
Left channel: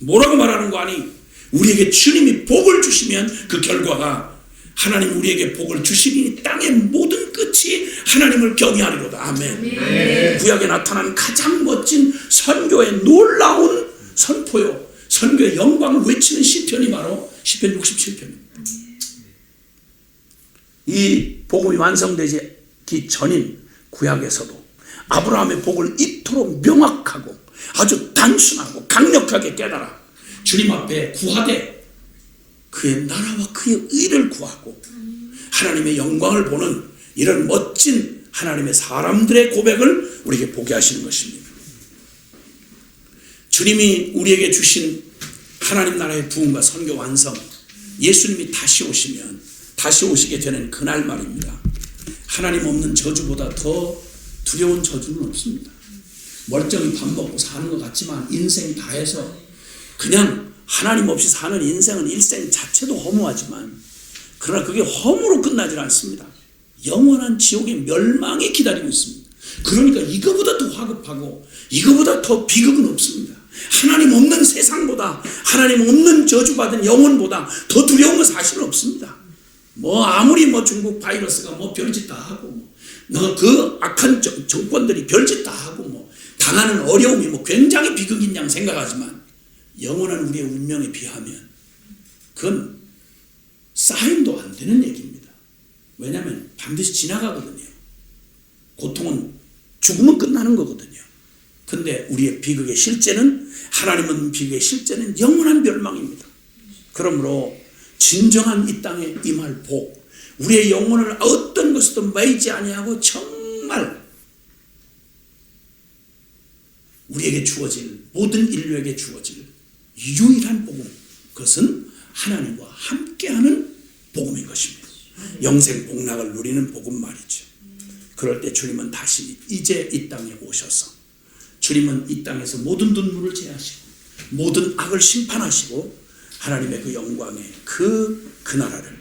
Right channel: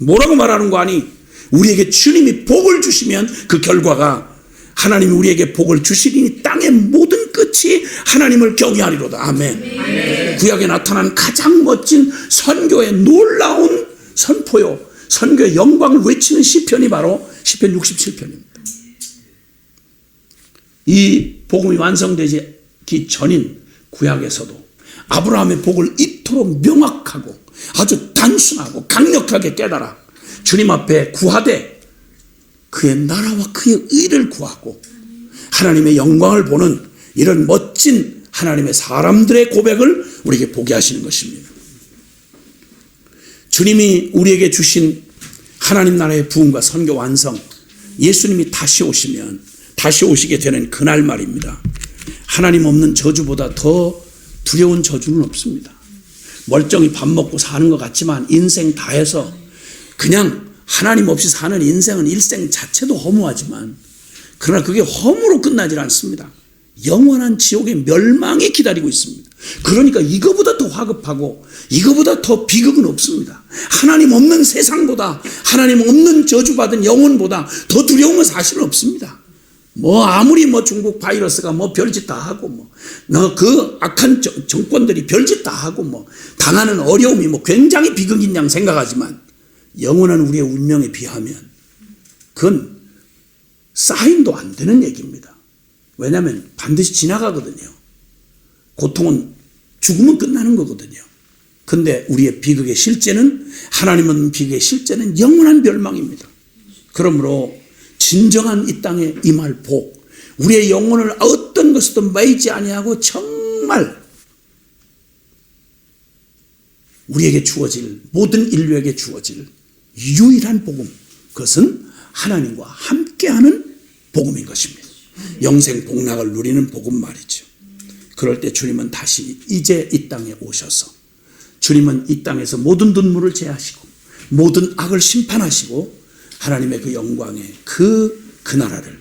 뭐라고 말하는 거 아니? 우리에게 주님이 복을 주시면 그 결과가 하나님이 우리에게 복을 주시리니 땅의 모든 끝이 하나님을 경외하리로다. 아멘. 아멘. 구약에 나타난 가장 멋진 선교의 놀라운 선포요, 선교의 영광을 외치는 시편이 바로 시편 67편입니다. 이 복음이 완성되기 전인 구약에서도 아브라함의 복을 이토록 명확하고 아주 단순하고 강력하게 깨달아 주님 앞에 구하되 그의 나라와 그의 의를 구하고 하나님의 영광을 보는 이런 멋진 하나님의 사람들의 고백을 우리에게 보게 하시는 것입니다. 주님이 우리에게 주신 하나님 나라의 부흥과 선교 완성, 예수님이 다시 오시면 다시 오시게 되는 그날 말입니다. 하나님 없는 저주보다 더 두려운 저주는 없습니다. 멀쩡히 밥 먹고 사는 것 같지만 인생 다 해서 그냥 하나님 없이 사는 인생은 일생 자체도 허무하지만 그러나 그게 허무로 끝나질 않습니다. 영원한 지옥의 멸망이 기다리고 있습니다. 그러니까 이거보다 더 화급하고 이거보다 더 비극은 없습니다. 하나님 없는 세상보다 하나님 없는 저주받은 영혼보다 더 두려운 건 사실은 없습니다. 아무리 중국 바이러스가 별짓 다 하고 그 악한 정권들이 별짓 다 하고 당하는 어려움이 굉장히 비극인 양 생각하지만 영원한 우리의 운명에 비하면 그건 사인도 안 되는 얘기입니다. 왜냐하면 반드시 지나가거든요. 고통은 죽으면 끝나는 거거든요. 근데 우리의 비극의 실제는 하나님은 비극의 실제는 영원한 멸망입니다. 그러므로 진정한 이 땅에 임할 복, 우리의 영혼을 어떤 것으로도 매이지 아니하고 정말 우리에게 주어질 모든 인류에게 주어질 유일한 복음, 그것은 하나님과 함께하는 복음인 것입니다. 영생 복락을 누리는 복음 말이죠. 그럴 때 주님은 다시 이제 이 땅에 오셔서 주님은 이 땅에서 모든 눈물을 제하시고 모든 악을 심판하시고 하나님의 그 영광의 그 나라를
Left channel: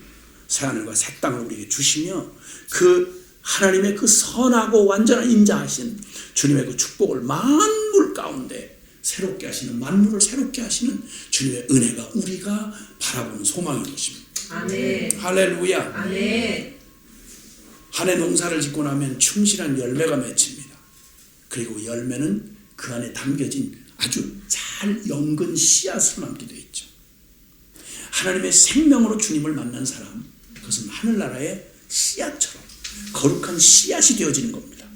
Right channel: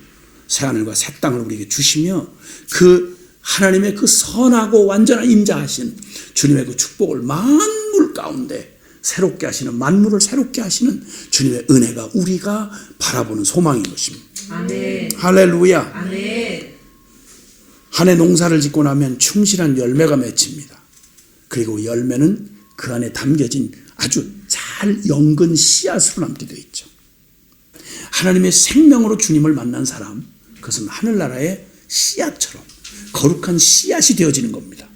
새하늘과 새 땅을 우리에게 주시며 그 하나님의 그 선하고 완전한 임자하신 주님의 그 축복을 만물 가운데 새롭게 하시는, 만물을 새롭게 하시는 주님의 은혜가 우리가 바라보는 소망인 것입니다. 아멘. 할렐루야. 아멘. 한 해 농사를 짓고 나면 충실한 열매가 맺힙니다. 그리고 열매는 그 안에 담겨진 아주 잘 연근 씨앗으로 남게 되어 있죠. 하나님의 생명으로 주님을 만난 사람, 그것은 하늘나라의 씨앗처럼 거룩한 씨앗이 되어지는 겁니다.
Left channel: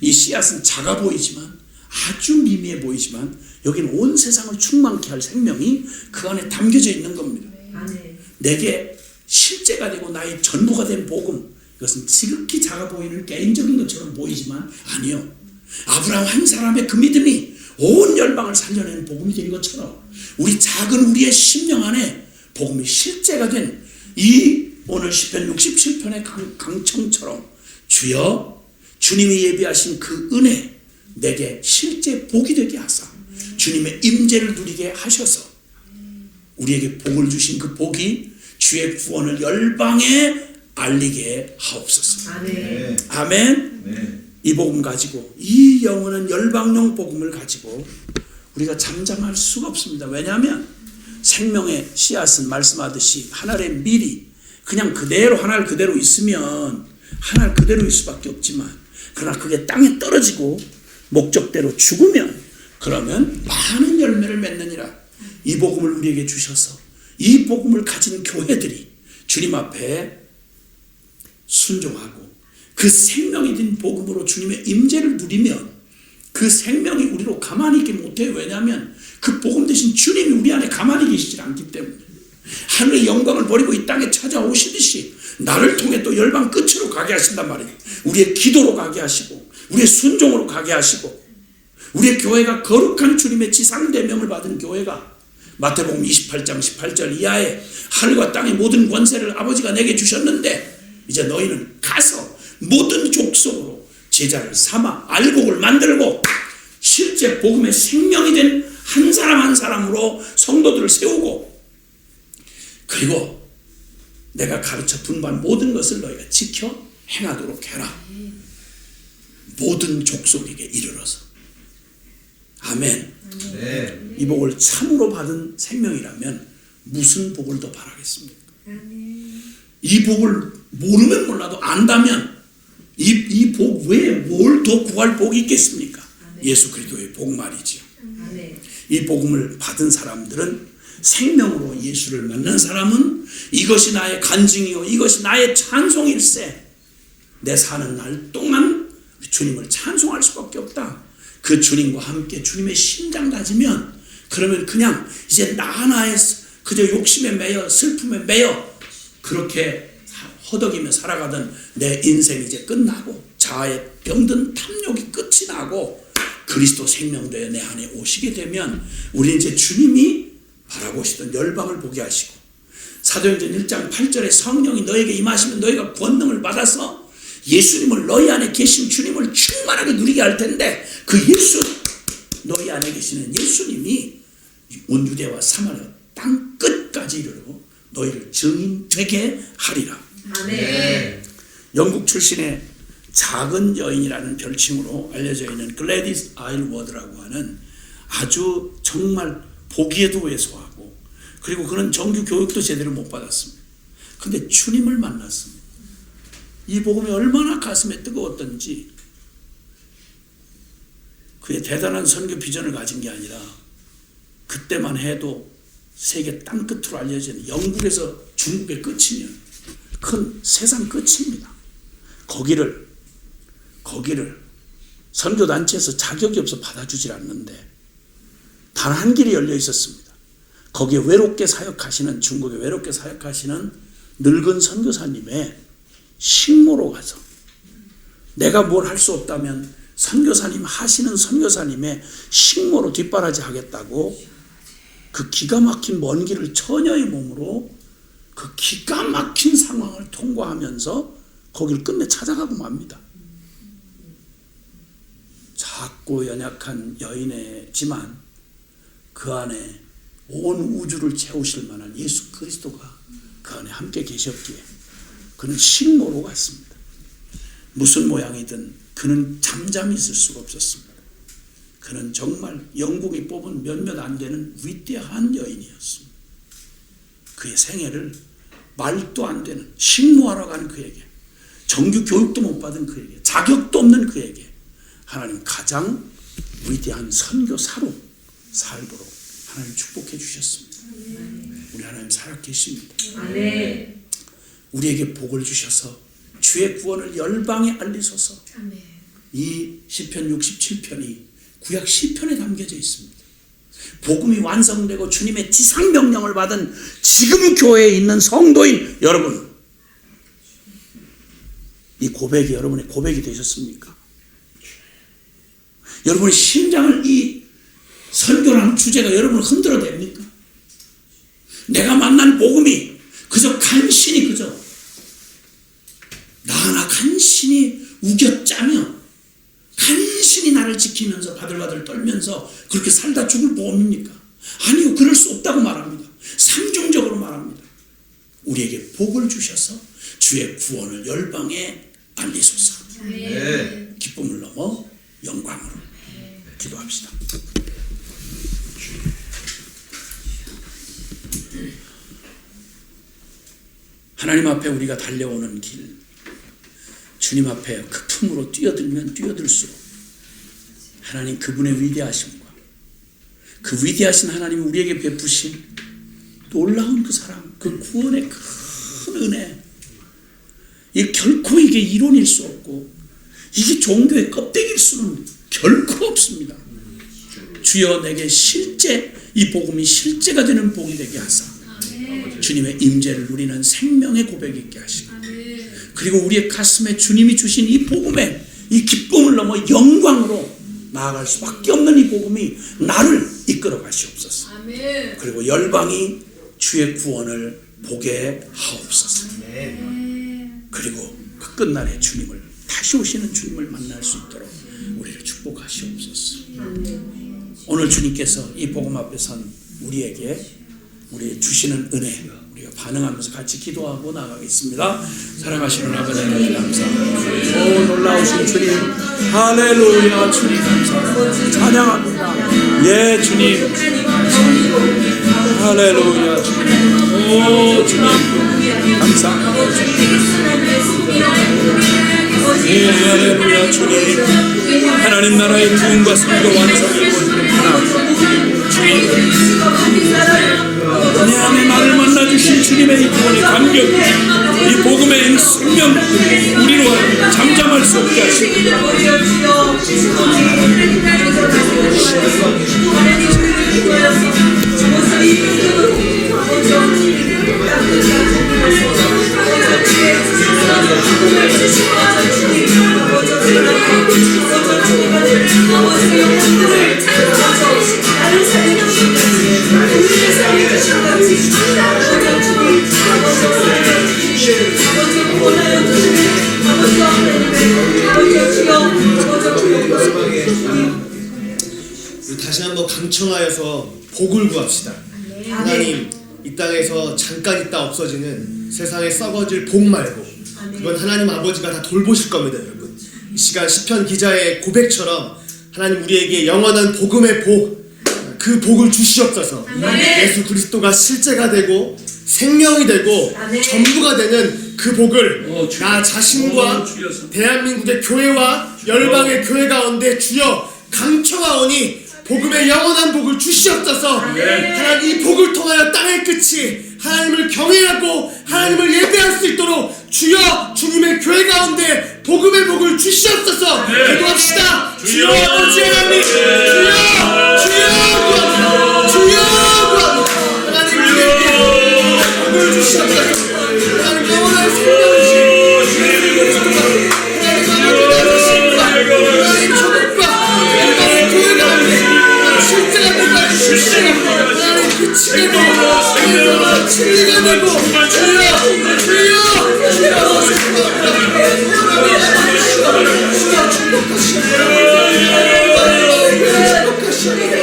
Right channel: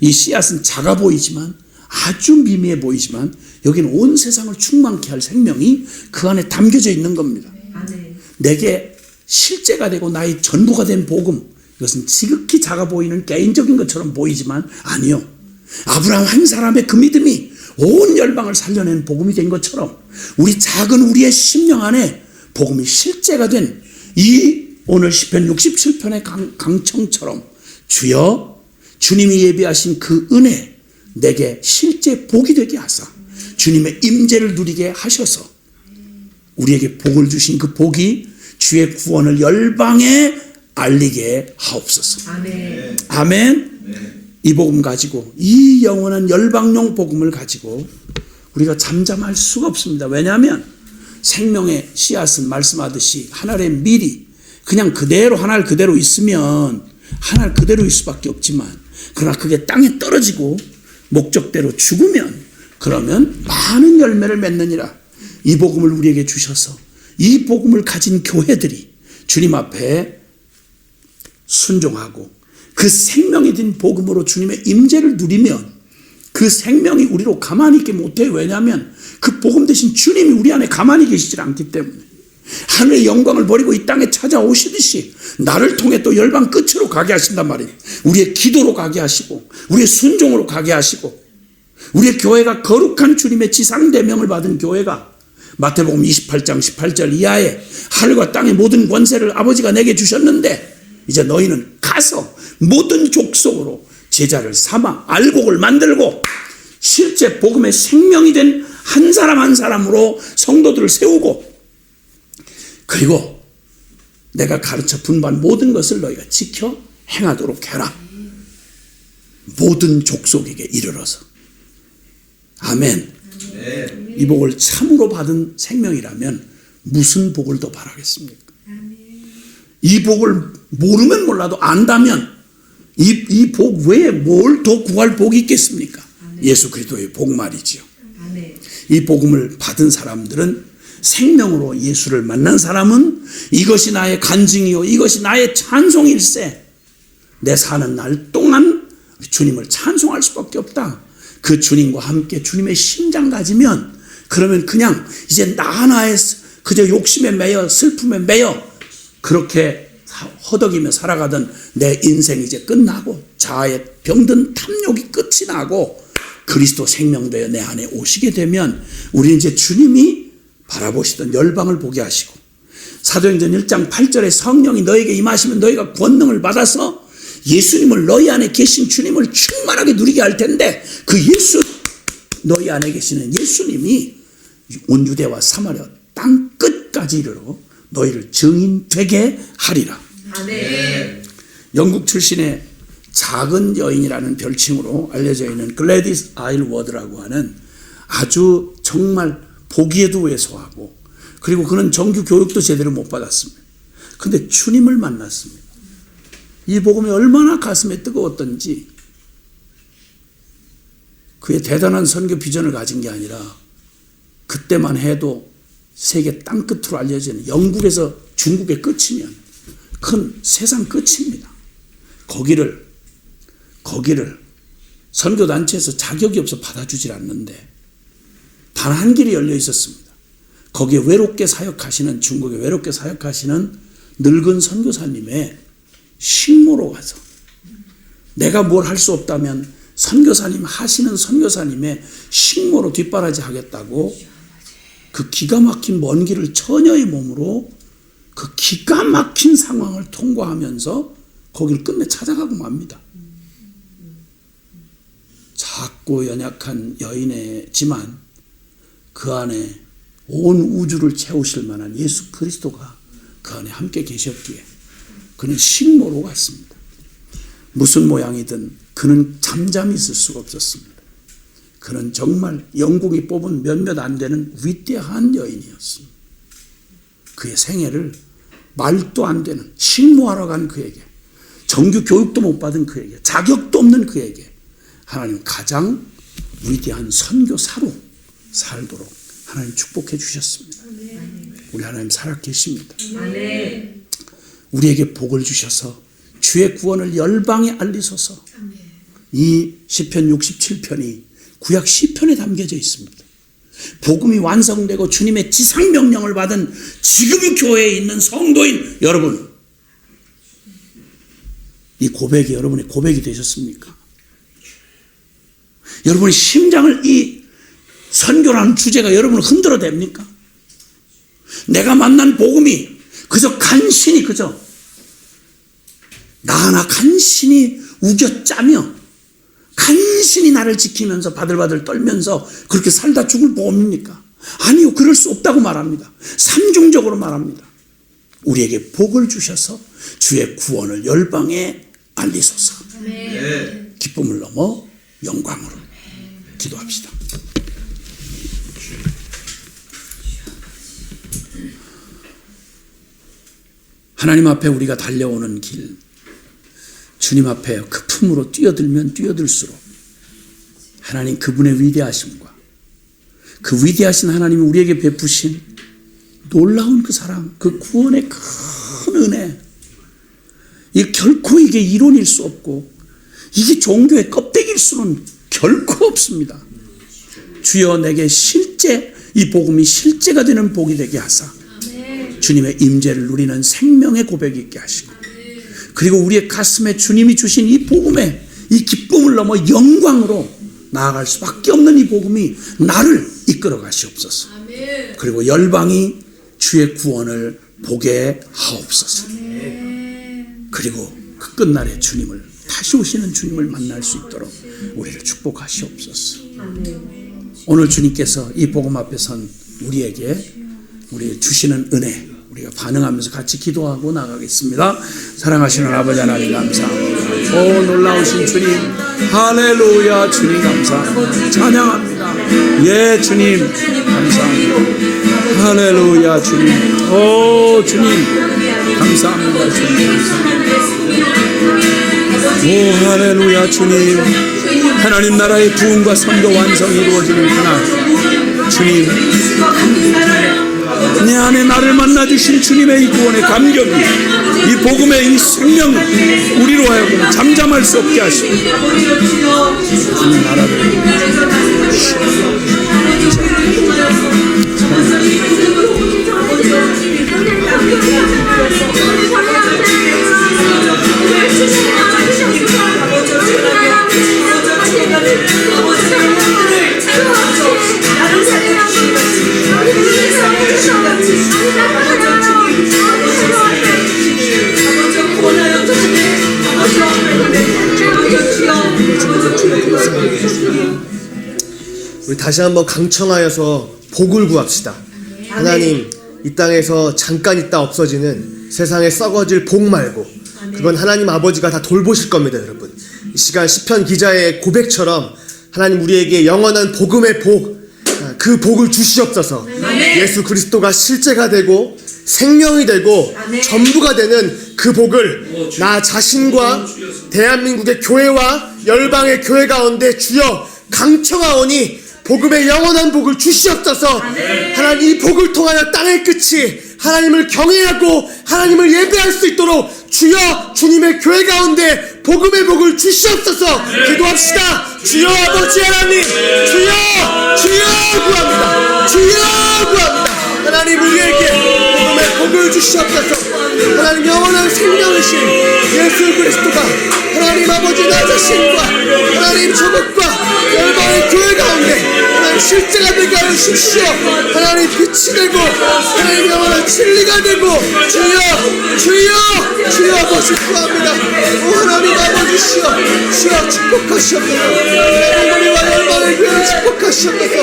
이 씨앗은 작아 보이지만 아주 미미해 보이지만 여기는 온 세상을 충만케 할 생명이 그 안에 담겨져 있는 겁니다. 내게 실제가 되고 나의 전부가 된 복음, 이것은 지극히 작아 보이는 개인적인 것처럼 보이지만 아니요. 아브라함 한 사람의 그 믿음이 온 열방을 살려낸 복음이 된 것처럼 우리 작은 우리의 심령 안에 복음이 실제가 된 이 오늘 시편 67편의 강청처럼 주여 주님이 예비하신 그 은혜 내게 실제 복이 되게 하사 주님의 임재를 누리게 하셔서 우리에게 복을 주신 그 복이 주의 구원을 열방에 알리게 하옵소서. 아멘. 아멘. 이 복음 가지고 이 영원한 열방용 복음을 가지고 우리가 잠잠할 수가 없습니다. 왜냐하면 생명의 씨앗은 말씀하듯이 하늘의 밀이 그냥 그대로 하늘 그대로 있으면 하늘 그대로일 수밖에 없지만 그러나 그게 땅에 떨어지고 목적대로 죽으면 그러면 많은 열매를 맺느니라. 이 복음을 우리에게 주셔서 이 복음을 가진 교회들이 주님 앞에 순종하고 그 생명이 된 복음으로 주님의 임재를 누리면 그 생명이 우리로 가만히 있게 못해요. 왜냐하면 그 복음 대신 주님이 우리 안에 가만히 계시질 않기 때문에 하늘의 영광을 버리고 이 땅에 찾아오시듯이 나를 통해 또 열방 끝으로 가게 하신단 말이에요. 우리의 기도로 가게 하시고 우리의 순종으로 가게 하시고 우리의 교회가 거룩한 주님의 지상대명을 받은 교회가 마태복음 28장 18절 이하에 하늘과 땅의 모든 권세를 아버지가 내게 주셨는데 이제 너희는 가서 모든 족속으로 제자를 삼아 알곡을 만들고 실제 복음의 생명이 된 한 사람 한 사람으로 성도들을 세우고 그리고 내가 가르쳐 분반 모든 것을 너희가 지켜 행하도록 해라. 모든 족속에게 이르러서. 아멘. 이 복을 참으로 받은 생명이라면 무슨 복을 더 바라겠습니까? 이 복을 모르면 몰라도 안다면 이 복 외에 뭘 더 구할 복이 있겠습니까? 예수 그리스도의 복 말이지요. 이 복음을 받은 사람들은 생명으로 예수를 만난 사람은 이것이 나의 간증이요 이것이 나의 찬송일세. 내 사는 날 동안 주님을 찬송할 수밖에 없다. 그 주님과 함께 주님의 심장 가지면, 그러면 그냥 이제 나 하나에 그저 욕심에 매여 슬픔에 매여 그렇게 허덕이며 살아가던 내 인생이 이제 끝나고 자아에 병든 탐욕이 끝이 나고 그리스도 생명되어 내 안에 오시게 되면 우리는 이제 주님이 바라보시던 열방을 보게 하시고, 사도행전 1장 8절에 성령이 너에게 임하시면 너희가 권능을 받아서 예수님을, 너희 안에 계신 주님을 충만하게 누리게 할 텐데, 그 예수, 너희 안에 계시는 예수님이 온 유대와 사마리아 땅 끝까지 이르러 너희를 증인되게 하리라. 아멘. 영국 출신의 작은 여인이라는 별칭으로 알려져 있는 글래디스 아일워드라고 하는 아주 정말 보기에도 왜소하고, 그리고 그는 정규 교육도 제대로 못 받았습니다. 근데 주님을 만났습니다. 이 복음이 얼마나 가슴에 뜨거웠던지, 그의 대단한 선교 비전을 가진 게 아니라 그때만 해도 세계 땅끝으로 알려지는 영국에서 중국의 끝이면 큰 세상 끝입니다. 거기를 선교단체에서 자격이 없어 받아주질 않는데 단 한 길이 열려 있었습니다. 거기에 외롭게 사역하시는, 중국에 외롭게 사역하시는 늙은 선교사님의 식모로 가서, 내가 뭘 할 수 없다면 선교사님 하시는 선교사님의 식모로 뒷바라지 하겠다고 그 기가 막힌 먼 길을 처녀의 몸으로 그 기가 막힌 상황을 통과하면서 거기를 끝내 찾아가고 맙니다. 작고 연약한 여인이지만 그 안에 온 우주를 채우실 만한 예수 그리스도가 그 안에 함께 계셨기에 그는 식모로 갔습니다. 무슨 모양이든 그는 잠잠히 있을 수가 없었습니다. 그는 정말 영국이 뽑은 몇몇 안 되는 위대한 여인이었습니다. 그의 생애를 말도 안 되는 식모하러 간 그에게, 정규 교육도 못 받은 그에게, 자격도 없는 그에게 하나님 가장 위대한 선교사로 살도록 하나님 축복해 주셨습니다. 우리 하나님 살아계십니다. 우리에게 복을 주셔서 주의 구원을 열방에 알리소서. 이 시편 67편이 구약 시편에 담겨져 있습니다. 복음이 완성되고 주님의 지상명령을 받은 지금 교회에 있는 성도인 여러분, 이 고백이 여러분의 고백이 되셨습니까? 여러분의 심장을 이 선교라는 주제가 여러분을 흔들어 댑니까? 내가 만난 복음이 그저 간신히 나 하나 간신히 우겨짜며 간신히 나를 지키면서 바들바들 떨면서 그렇게 살다 죽을 복음입니까? 아니요, 그럴 수 없다고 말합니다. 삼중적으로 말합니다. 우리에게 복을 주셔서 주의 구원을 열방에 알리소서. 기쁨을 넘어 영광으로 기도합시다. 하나님 앞에 우리가 달려오는 길, 주님 앞에 그 품으로 뛰어들면 뛰어들수록 하나님 그분의 위대하심과 그 위대하신 하나님이 우리에게 베푸신 놀라운 그 사랑, 그 구원의 큰 은혜, 결코 이게 이론일 수 없고 이게 종교의 껍데기일 수는 결코 없습니다. 주여 내게 실제 이 복음이 실제가 되는 복이 되게 하사 주님의 임재를 누리는 생명의 고백이 있게 하시고, 그리고 우리의 가슴에 주님이 주신 이 복음에 이 기쁨을 넘어 영광으로 나아갈 수밖에 없는 이 복음이 나를 이끌어 가시옵소서. 그리고 열방이 주의 구원을 보게 하옵소서. 그리고 그 끝날에 주님을, 다시 오시는 주님을 만날 수 있도록 우리를 축복하시옵소서. 오늘 주님께서 이 복음 앞에 선 우리에게 우리 주시는 은혜, 우리가 반응하면서 같이 기도하고 나가겠습니다. 사랑하시는 아버지 하나님 감사합니다. 오 놀라우신 주님, 할렐루야. 주님 감사합니다. 찬양합니다. 예 주님 감사합니다. 할렐루야. 주님, 오 주님 감사합니다. 주님. 오 할렐루야. 주님, 하나님 나라의 부흥과 선교 완성이 이루어지는 그날 주님, 안에 나를 만나주신 주님의 이 구원의 감격이, 이 복음의 이 생명, 우리로 하여금 잠잠할 수 없게 하시고 하나님 나라를 우리 다시 한번 강청하여서 복을 구합시다. 하나님, 이 땅에서 잠깐 있다 없어지는 세상에 썩어질 복 말고 그건 하나님 아버지가 다 돌보실 겁니다. 여러분, 이 시간 시편 기자의 고백처럼 하나님 우리에게 영원한 복음의 복, 그 복을 주시옵소서. 예수 그리스도가 실제가 되고 생명이 되고 전부가 되는 그 복을 나 자신과 대한민국의 교회와 열방의 교회 가운데 주여 강청하오니 복음의 영원한 복을 주시옵소서. 하나님, 이 복을 통하여 땅의 끝이 하나님을 경외하고 하나님을 예배할 수 있도록 주여 주님의 교회 가운데 복음의 복을 주시옵소서. 기도합시다. 주여 아버지 하나님, 주여 구합니다. 주여 구합니다. 하나님, 우리에게 복음의 복을 주시옵소서. 하나님, 영원한 생명이신 예수 그리스도가 하나님 아버지 나 자신과 하나님 조국과 열방의 교회 가운데 하나님 실제가 되게 하여 주시오. 하나님 빛이 되고 하나님 영원한 진리가 되고 주여 아버지 구합니다. 오 하나님 아버지시여, 주여 축복하시옵소서. 하나님과 열방의 교회를 축복하시옵소서.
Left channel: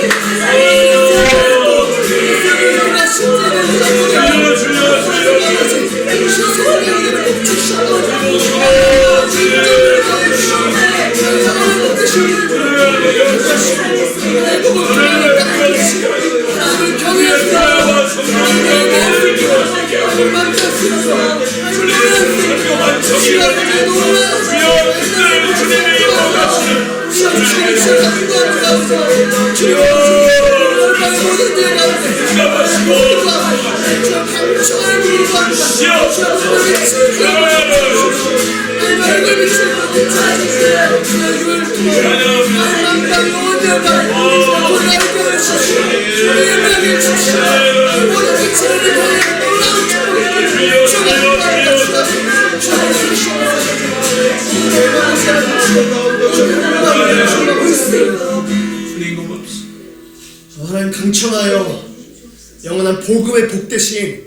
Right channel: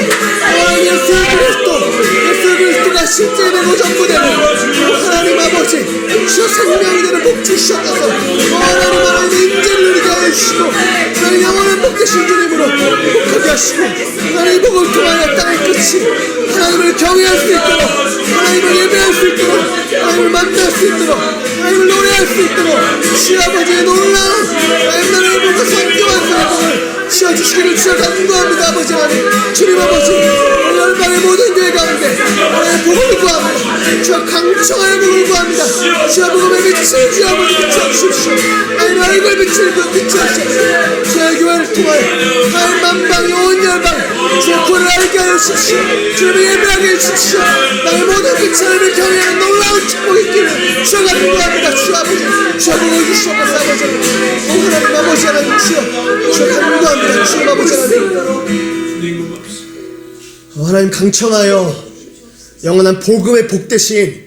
하나님 예수 그리스도가 실제되고 전부되고 하나님 아버지 주여 생명이 되는 복 주시옵소서. 하나님 인정을 가해 주시고 하나님 영원한 복 되신 주님으로 복하게 하시고 하나님 복을 통하여 땅의 끝이 하나님을 경외할 수 있도록 하나님을 예배할 수 있도록 하나님을 만날 수 있도록 하나님을 노래할 수 있도록 주여 아버지의 놀라운 하나님을 보고 성경한 사람 주시기를 주여 간구합니다. 아버지 하나님, 주님 아버지 열방의 모든 교회 가운데 하나님의 복을 구합니다. 주여 강청하여 복을 구합니다. 주여 복음의 빛을 주여 아버지 비춰주십시오. 하나님 얼굴 빛을 비춰주십시오. 주의 교회를 통하여 하나님 만방이 온 열방에 주여 불을 알게 하여 주십시오. 주님의 예배하게 해주십시오. 나의 모든 빛을 경외하는 놀라운 축복이 있기를 주여 간구합니다. 주여 아버지 주여 복을 주시옵소서. 아버지 하나님 아버지 하나님 주여 간구합니다. 주여 아버지 하나님 하나님 강청하여 영원한 복음의 복 대신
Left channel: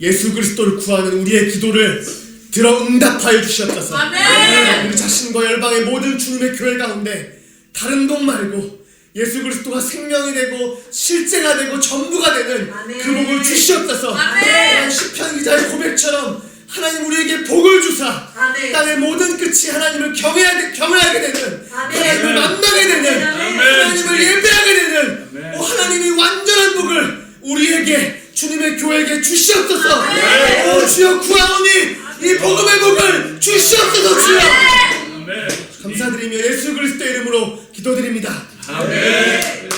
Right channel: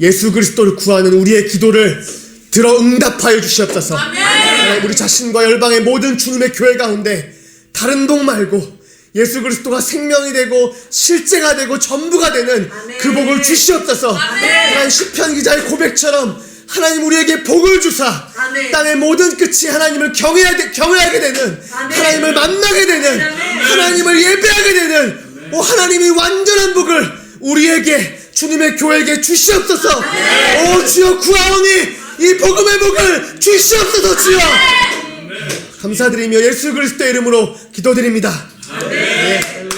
예수 그리스도를 구하는 우리의 기도를 들어 응답하여 주시옵소서. 하나님, 우리 자신과 열방의 모든 주님의 교회 가운데 다른 복 말고 예수 그리스도가 생명이 되고 실제가 되고 전부가 되는 그 복을 주시옵소서. 하나님, 시편 기자의 고백처럼 하나님 우리에게 복을 주사 땅의 모든 끝이 하나님을 경외하게 되는 하나님을 만나게 되는 하나님을 예배하게 되는 하나님이 완전한 복을 우리에게 주님의 교회에게 주시옵소서. 오 주여 구하오니 이 복음의 복을 주시옵소서. 주여 감사드리며 예수 그리스도의 이름으로 기도드립니다. 아멘.